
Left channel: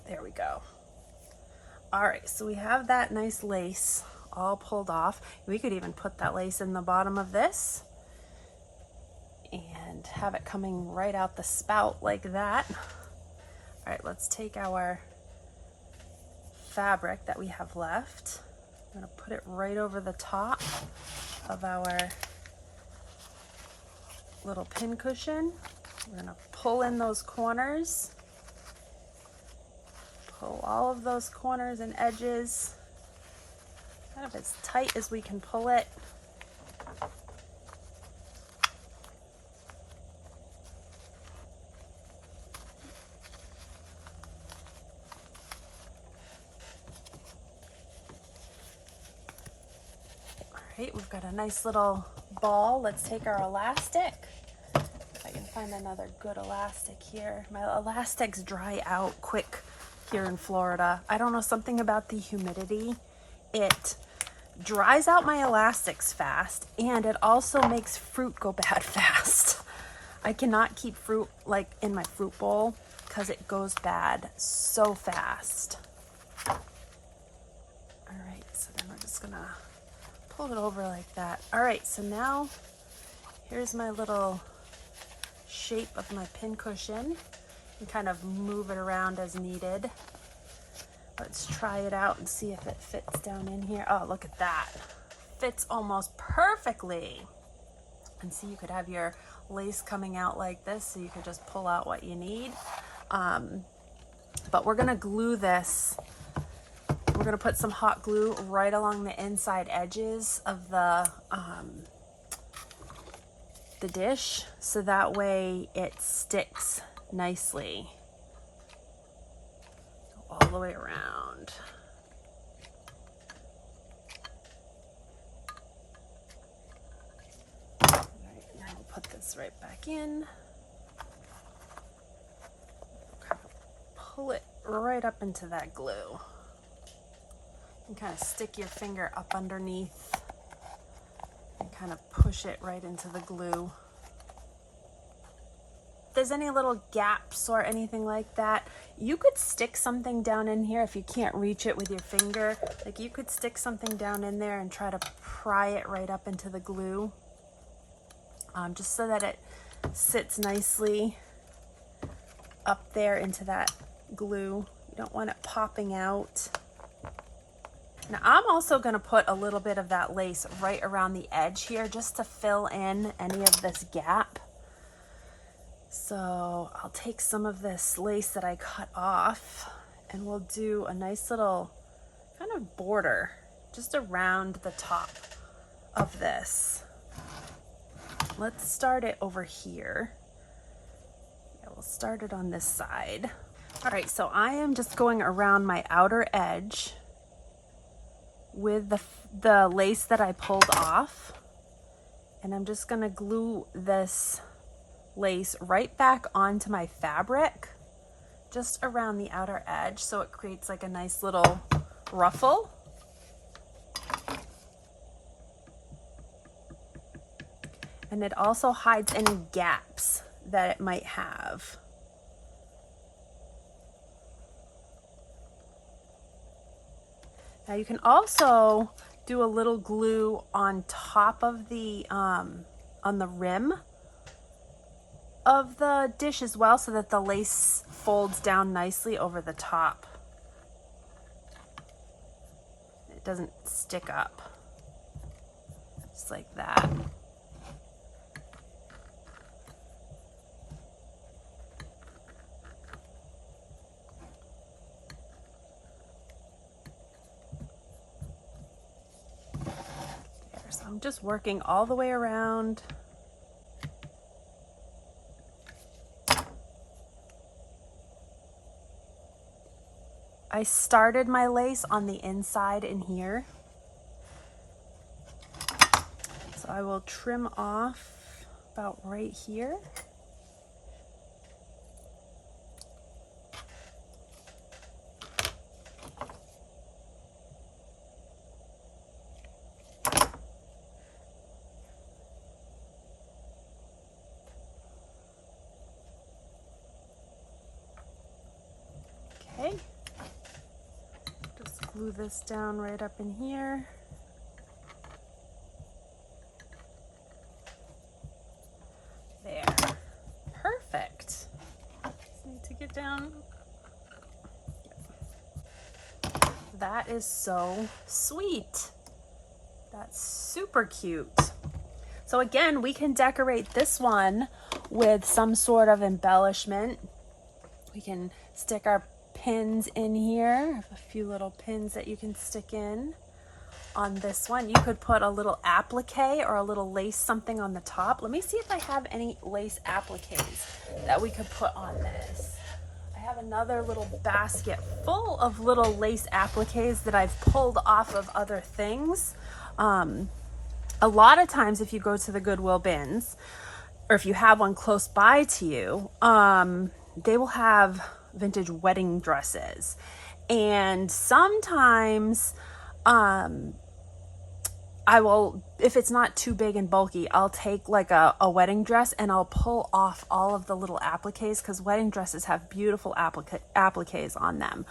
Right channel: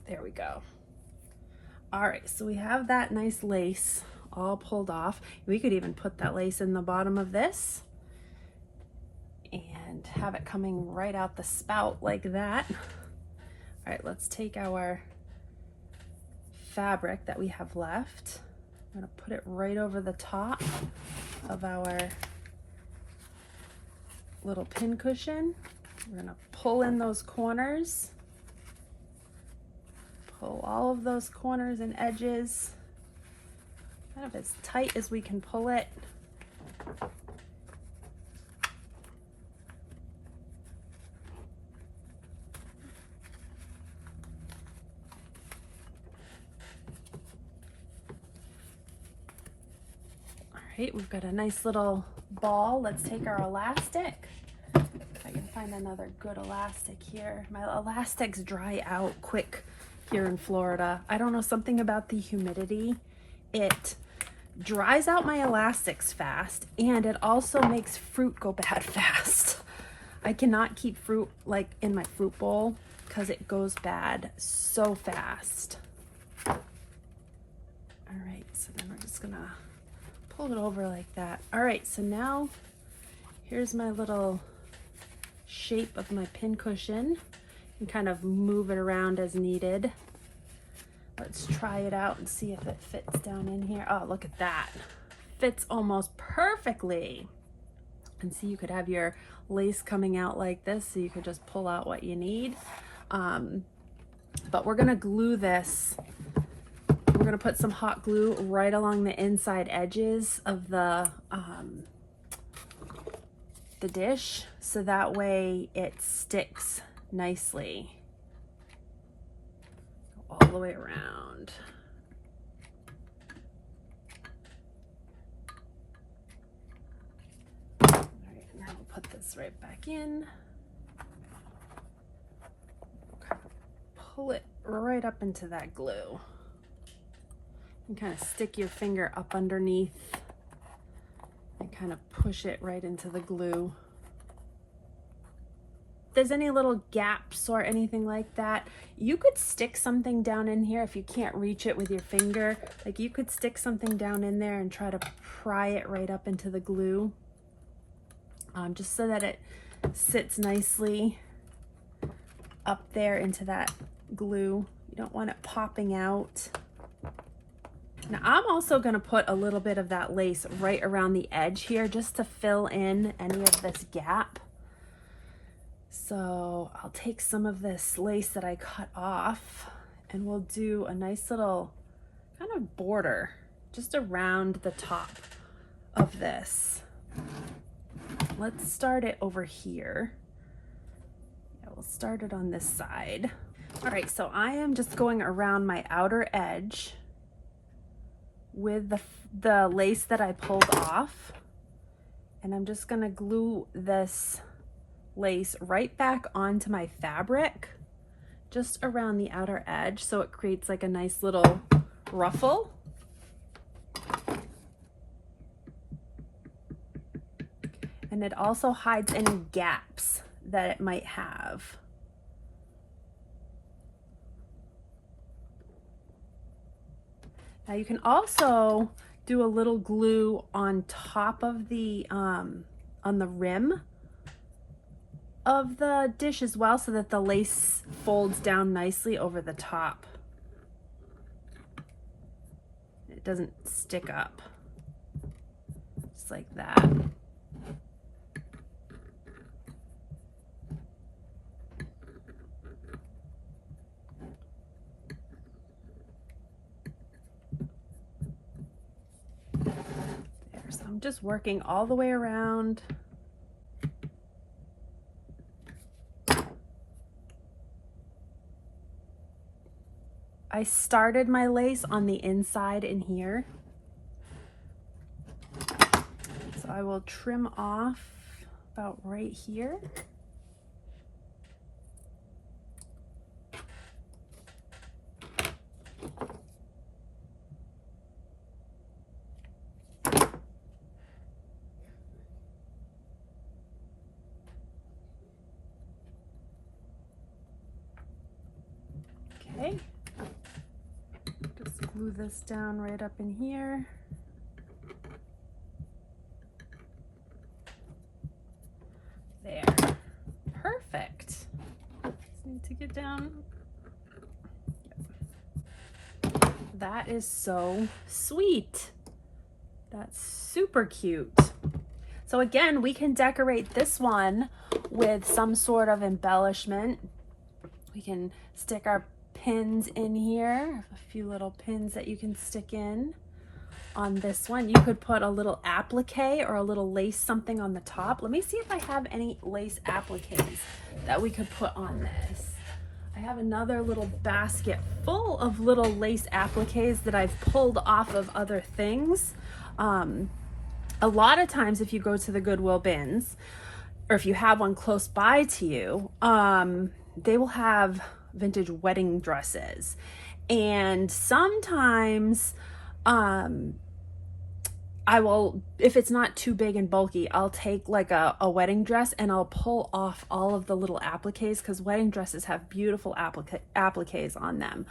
There we go. All right, so we have that nice lace all pulled off. We could even put that lace in the bottom of this and have it coming right out the spout like that. All right, let's take our fabric that we have left. I'm gonna put it right over the top of our little pin cushion. We're gonna pull in those corners. Pull all of those corners and edges kind of as tight as we can pull it. All right, we've got a nice little ball. Let's take our elastic. If I can find another good elastic here. My elastics dry out quick here in Florida. I don't know, something about the humidity. It dries out my elastics fast, and it also makes fruit go bad fast. I cannot keep fruit like in my fruit bowl because it goes bad so fast. All right, so then we're just gonna pull it over like that. All right, so now here's my little shape of my pin cushion, and kind of move it around as needed. Let's try it out and see if it fits down in here. Oh, look at that. Fits almost perfectly. And see, you could have your lace coming out like this, so you could just pull out what you need. But we're gonna glue this. We're gonna put some hot glue right along the inside edges of the the dish so that way it sticks nicely all the way around. All right, now we'll put this right back in. Pull it right up into that glue. And kind of stick your finger up underneath and kind of push it right into the glue. If there's any little gaps or anything like that, you could stick something down in here if you can't reach it with your finger. Like you could stick something down in there and try to pry it right up into the glue, just so that it sits nicely up there into that glue. You don't want it popping out. Now I'm also going to put a little bit of that lace right around the edge here just to fill in any of this gap. So I'll take some of this lace that I cut off and we'll do a nice little kind of border just around the top of this. Let's start it over here. Yeah, we'll start it on this side. All right, so I am just going around my outer edge with the lace that I pulled off, and I'm just gonna glue this lace right back onto my fabric just around the outer edge so it creates like a nice little ruffle. And it also hides any gaps that it might have. Now you can also do a little glue on top of the, on the rim of the dish as well so that the lace folds down nicely over the top. It doesn't stick up, just like that. I'm just working all the way around. I started my lace on the inside in here. So I will trim off about right here. Okay, just glue this down right up in here. There, perfect. Just need to get down. That is so sweet. That's super cute. So again, we can decorate this one with some sort of embellishment. We can stick our pins in here. A few little pins that you can stick in on this one. You could put a little applique or a little lace something on the top. Let me see if I have any lace appliques that we could put on this. I have another little basket full of little lace appliques that I've pulled off of other things. A lot of times if you go to the Goodwill bins, or if you have one close by to you, they will have vintage wedding dresses. And sometimes I will, if it's not too big and bulky, I'll take like a wedding dress and I'll pull off all of the little appliques, because wedding dresses have beautiful appliques on them.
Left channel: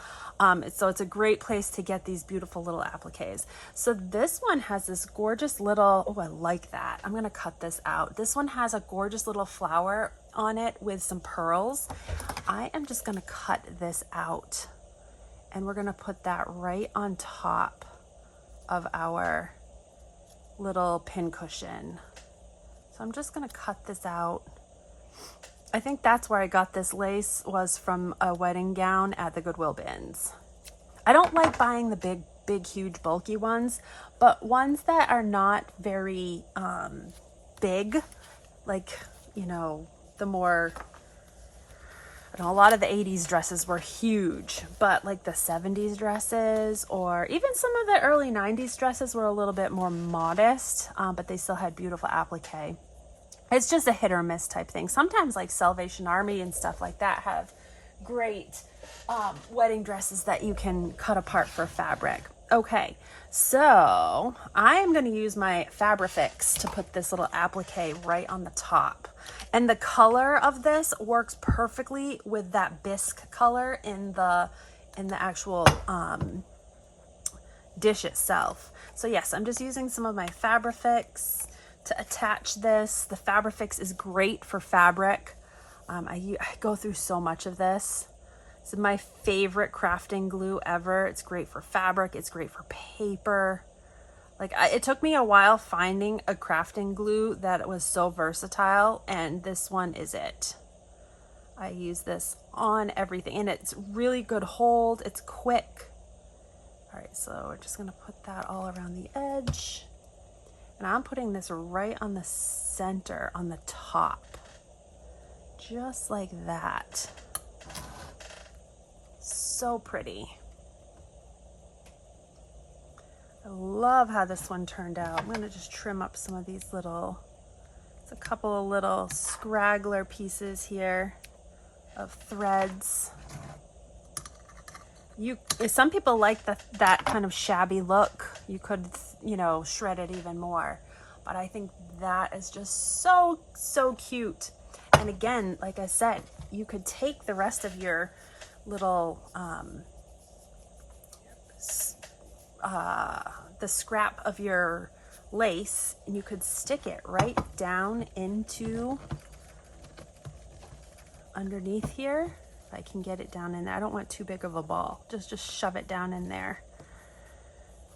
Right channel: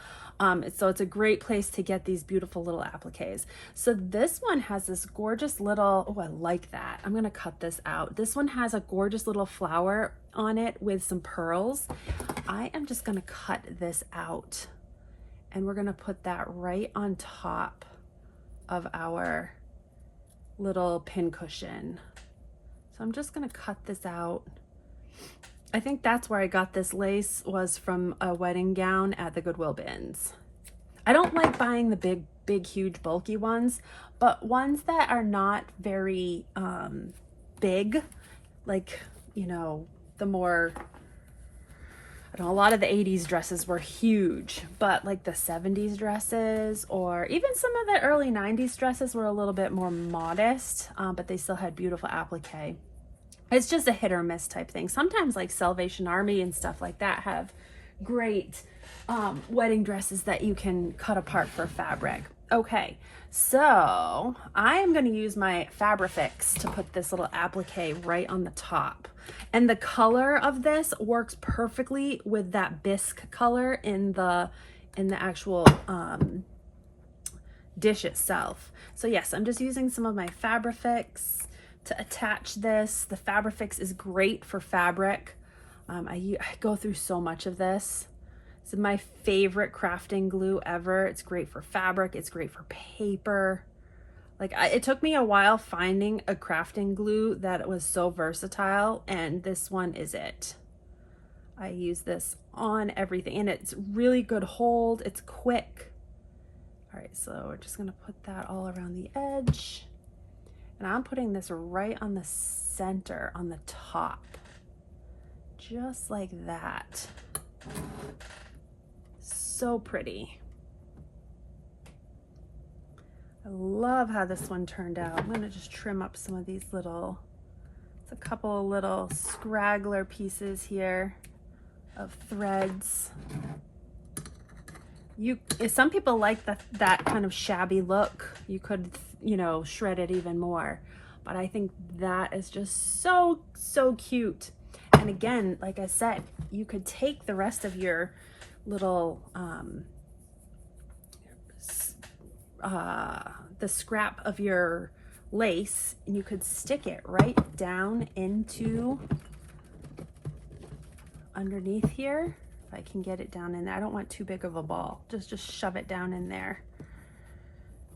So it's a great place to get these beautiful little appliques. So this one has this gorgeous little, oh, I like that. I'm gonna cut this out. This one has a gorgeous little flower on it with some pearls. I am just gonna cut this out and we're gonna put that right on top of our little pin cushion. So I'm just gonna cut this out. I think that's where I got this lace, was from a wedding gown at the Goodwill bins. I don't like buying the big, huge, bulky ones, but ones that are not very big, like, you know, the more, you know, a lot of the 80s dresses were huge, but like the 70s dresses or even some of the early 90s dresses were a little bit more modest, but they still had beautiful applique. It's just a hit or miss type thing. Sometimes like Salvation Army and stuff like that have great wedding dresses that you can cut apart for fabric. Okay, so I am going to use my Fabrifix to put this little applique right on the top. And the color of this works perfectly with that bisque color in the actual dish itself. So yes, I'm just using some of my Fabrifix to attach this. The Fabrifix is great for fabric. I go through so much of this. It's my favorite crafting glue ever. It's great for fabric. It's great for paper. Like, it took me a while finding a crafting glue that was so versatile, and this one is it. I use this on everything, and it's really good hold. It's quick. All right, so we're just gonna put that all around the edge. And I'm putting this right on the center, on the top. Just like that. So pretty. I love how this one turned out. I'm gonna just trim up some of these little, it's a couple of little scraggler pieces here of threads. If some people like that kind of shabby look, you could, you know, shred it even more. But I think that is just so, so cute. And again, like I said, you could take the rest of your little, the scrap of your lace, and you could stick it right down into underneath here. If I can get it down in there. I don't want too big of a ball. Just shove it down in there.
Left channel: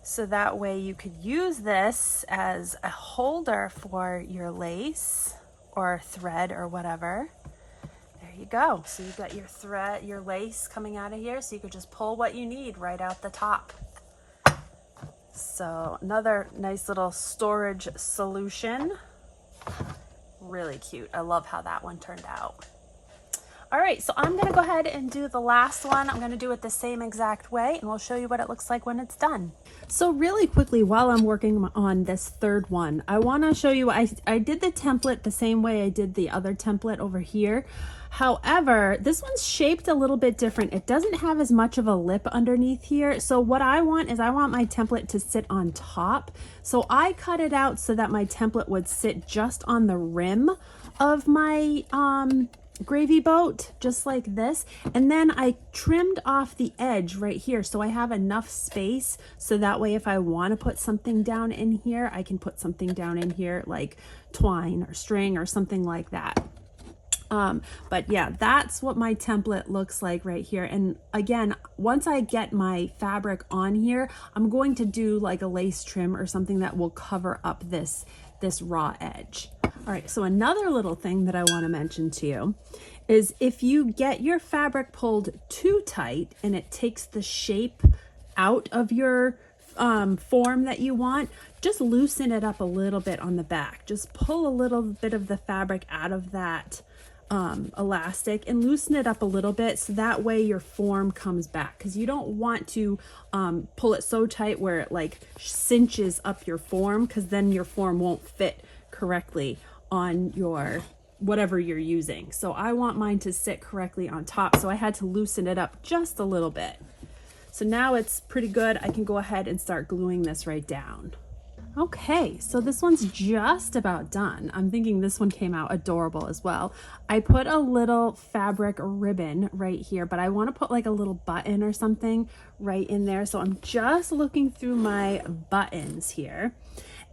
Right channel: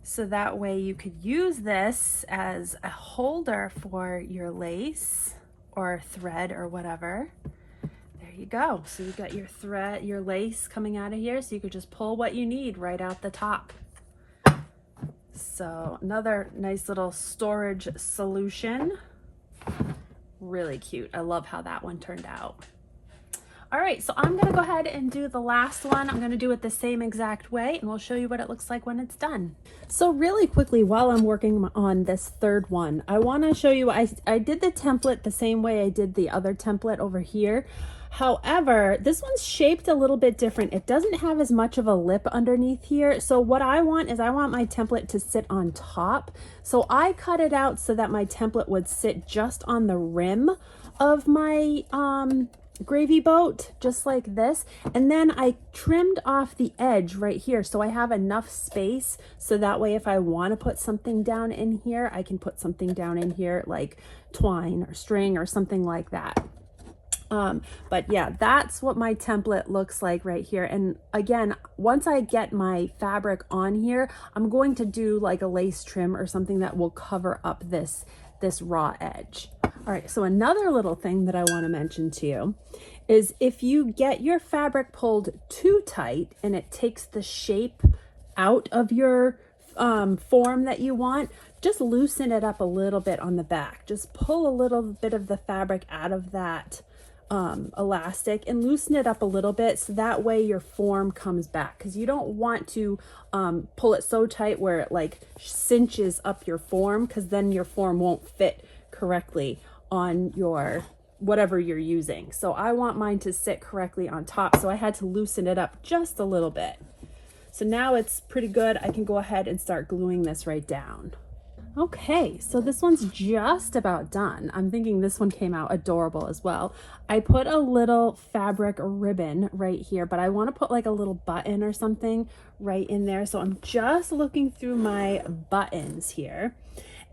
So that way you could use this as a holder for your lace or thread or whatever. There you go. So you got your thread, your lace coming out of here, so you could just pull what you need right out the top. So another nice little storage solution. Really cute. I love how that one turned out. All right, so I'm gonna go ahead and do the last one. I'm gonna do it the same exact way, and we'll show you what it looks like when it's done. So really quickly, while I'm working on this third one, I wanna show you, I did the template the same way I did the other template over here. However, this one's shaped a little bit different. It doesn't have as much of a lip underneath here. So what I want is I want my template to sit on top. So I cut it out so that my template would sit just on the rim of my gravy boat, just like this. And then I trimmed off the edge right here, so I have enough space so that way if I want to put something down in here, I can put something down in here like twine or string or something like that. But yeah, that's what my template looks like right here. And again, once I get my fabric on here, I'm going to do like a lace trim or something that will cover up this raw edge. All right, so another little thing that I want to mention to you is if you get your fabric pulled too tight and it takes the shape out of your form that you want, just loosen it up a little bit on the back. Just pull a little bit of the fabric out of that elastic and loosen it up a little bit, so that way your form comes back, because you don't want to pull it so tight where it like cinches up your form, because then your form won't fit correctly on your whatever you're using. So I want mine to sit correctly on top, so I had to loosen it up just a little bit. So now it's pretty good. I can go ahead and start gluing this right down. Okay, so this one's just about done. I'm thinking this one came out adorable as well. I put a little fabric ribbon right here, but I want to put like a little button or something right in there. So I'm just looking through my buttons here.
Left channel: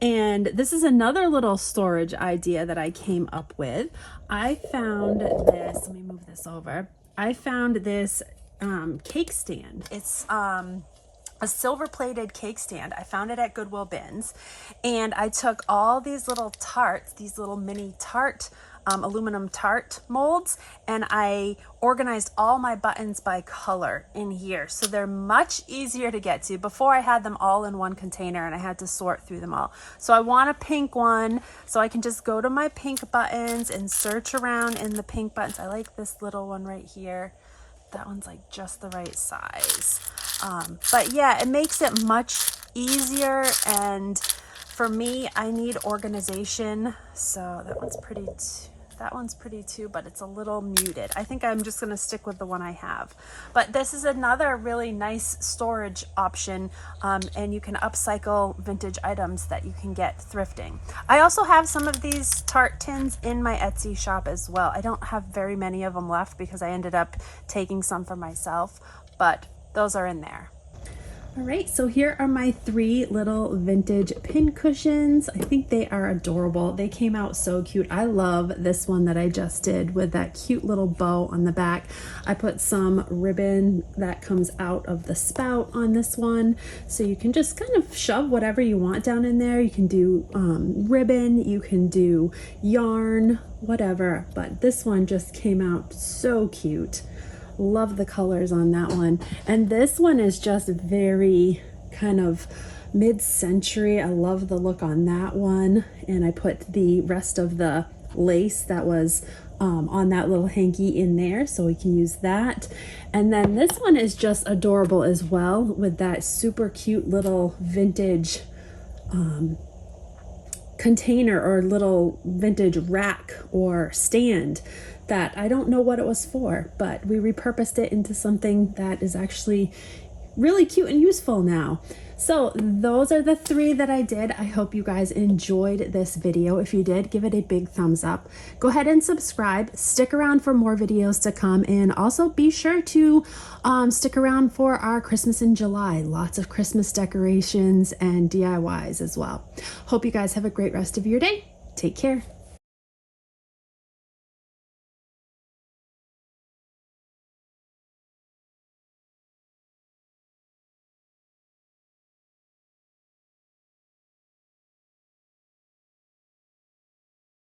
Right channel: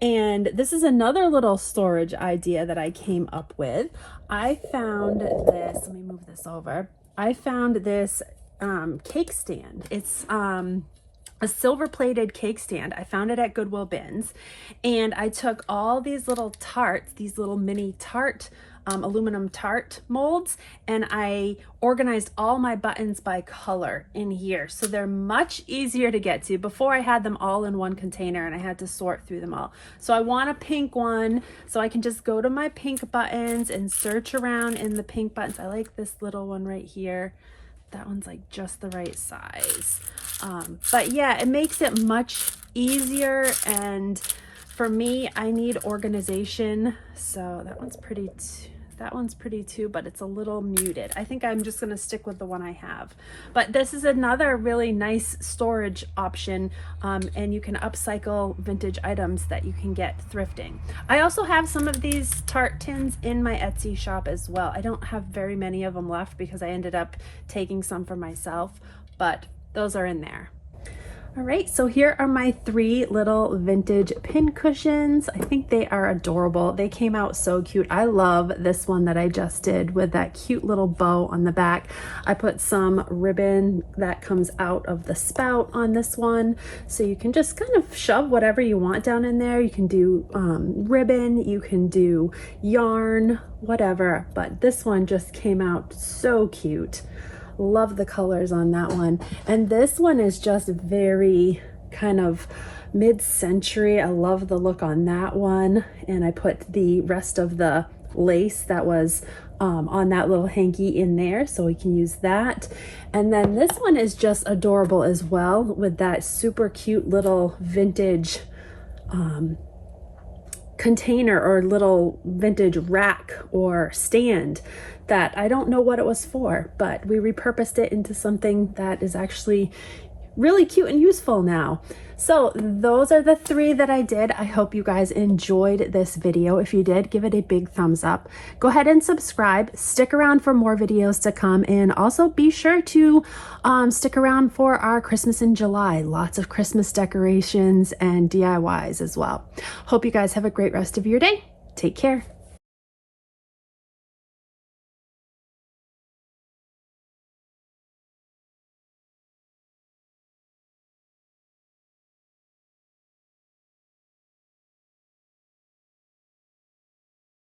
And this is another little storage idea that I came up with. I found this, let me move this over. I found this cake stand. It's a silver plated cake stand. I found it at Goodwill bins, and I took all these little tarts, these little mini tart aluminum tart molds, and I organized all my buttons by color in here. So they're much easier to get to. Before I had them all in one container and I had to sort through them all. So I want a pink one, so I can just go to my pink buttons and search around in the pink buttons. I like this little one right here. That one's like just the right size. But yeah, it makes it much easier, and for me, I need organization. So that one's pretty too, but it's a little muted. I think I'm just gonna stick with the one I have. But this is another really nice storage option, and you can upcycle vintage items that you can get thrifting. I also have some of these tart tins in my Etsy shop as well. I don't have very many of them left because I ended up taking some for myself, but those are in there. All right, so here are my 3 little vintage pin cushions. I think they are adorable. They came out so cute. I love this one that I just did with that cute little bow on the back. I put some ribbon that comes out of the spout on this one. So you can just kind of shove whatever you want down in there. You can do ribbon, you can do yarn, whatever. But this one just came out so cute. Love the colors on that one. And this one is just very kind of mid-century. I love the look on that one. And I put the rest of the lace that was on that little hanky in there, so we can use that. And then this one is just adorable as well, with that super cute little vintage container or little vintage rack or stand that I don't know what it was for, but we repurposed it into something that is actually really cute and useful now. So those are the 3 that I did. I hope you guys enjoyed this video. If you did, give it a big thumbs up. Go ahead and subscribe. Stick around for more videos to come, and also be sure to stick around for our Christmas in July. Lots of Christmas decorations and DIYs as well. Hope you guys have a great rest of your day. Take care.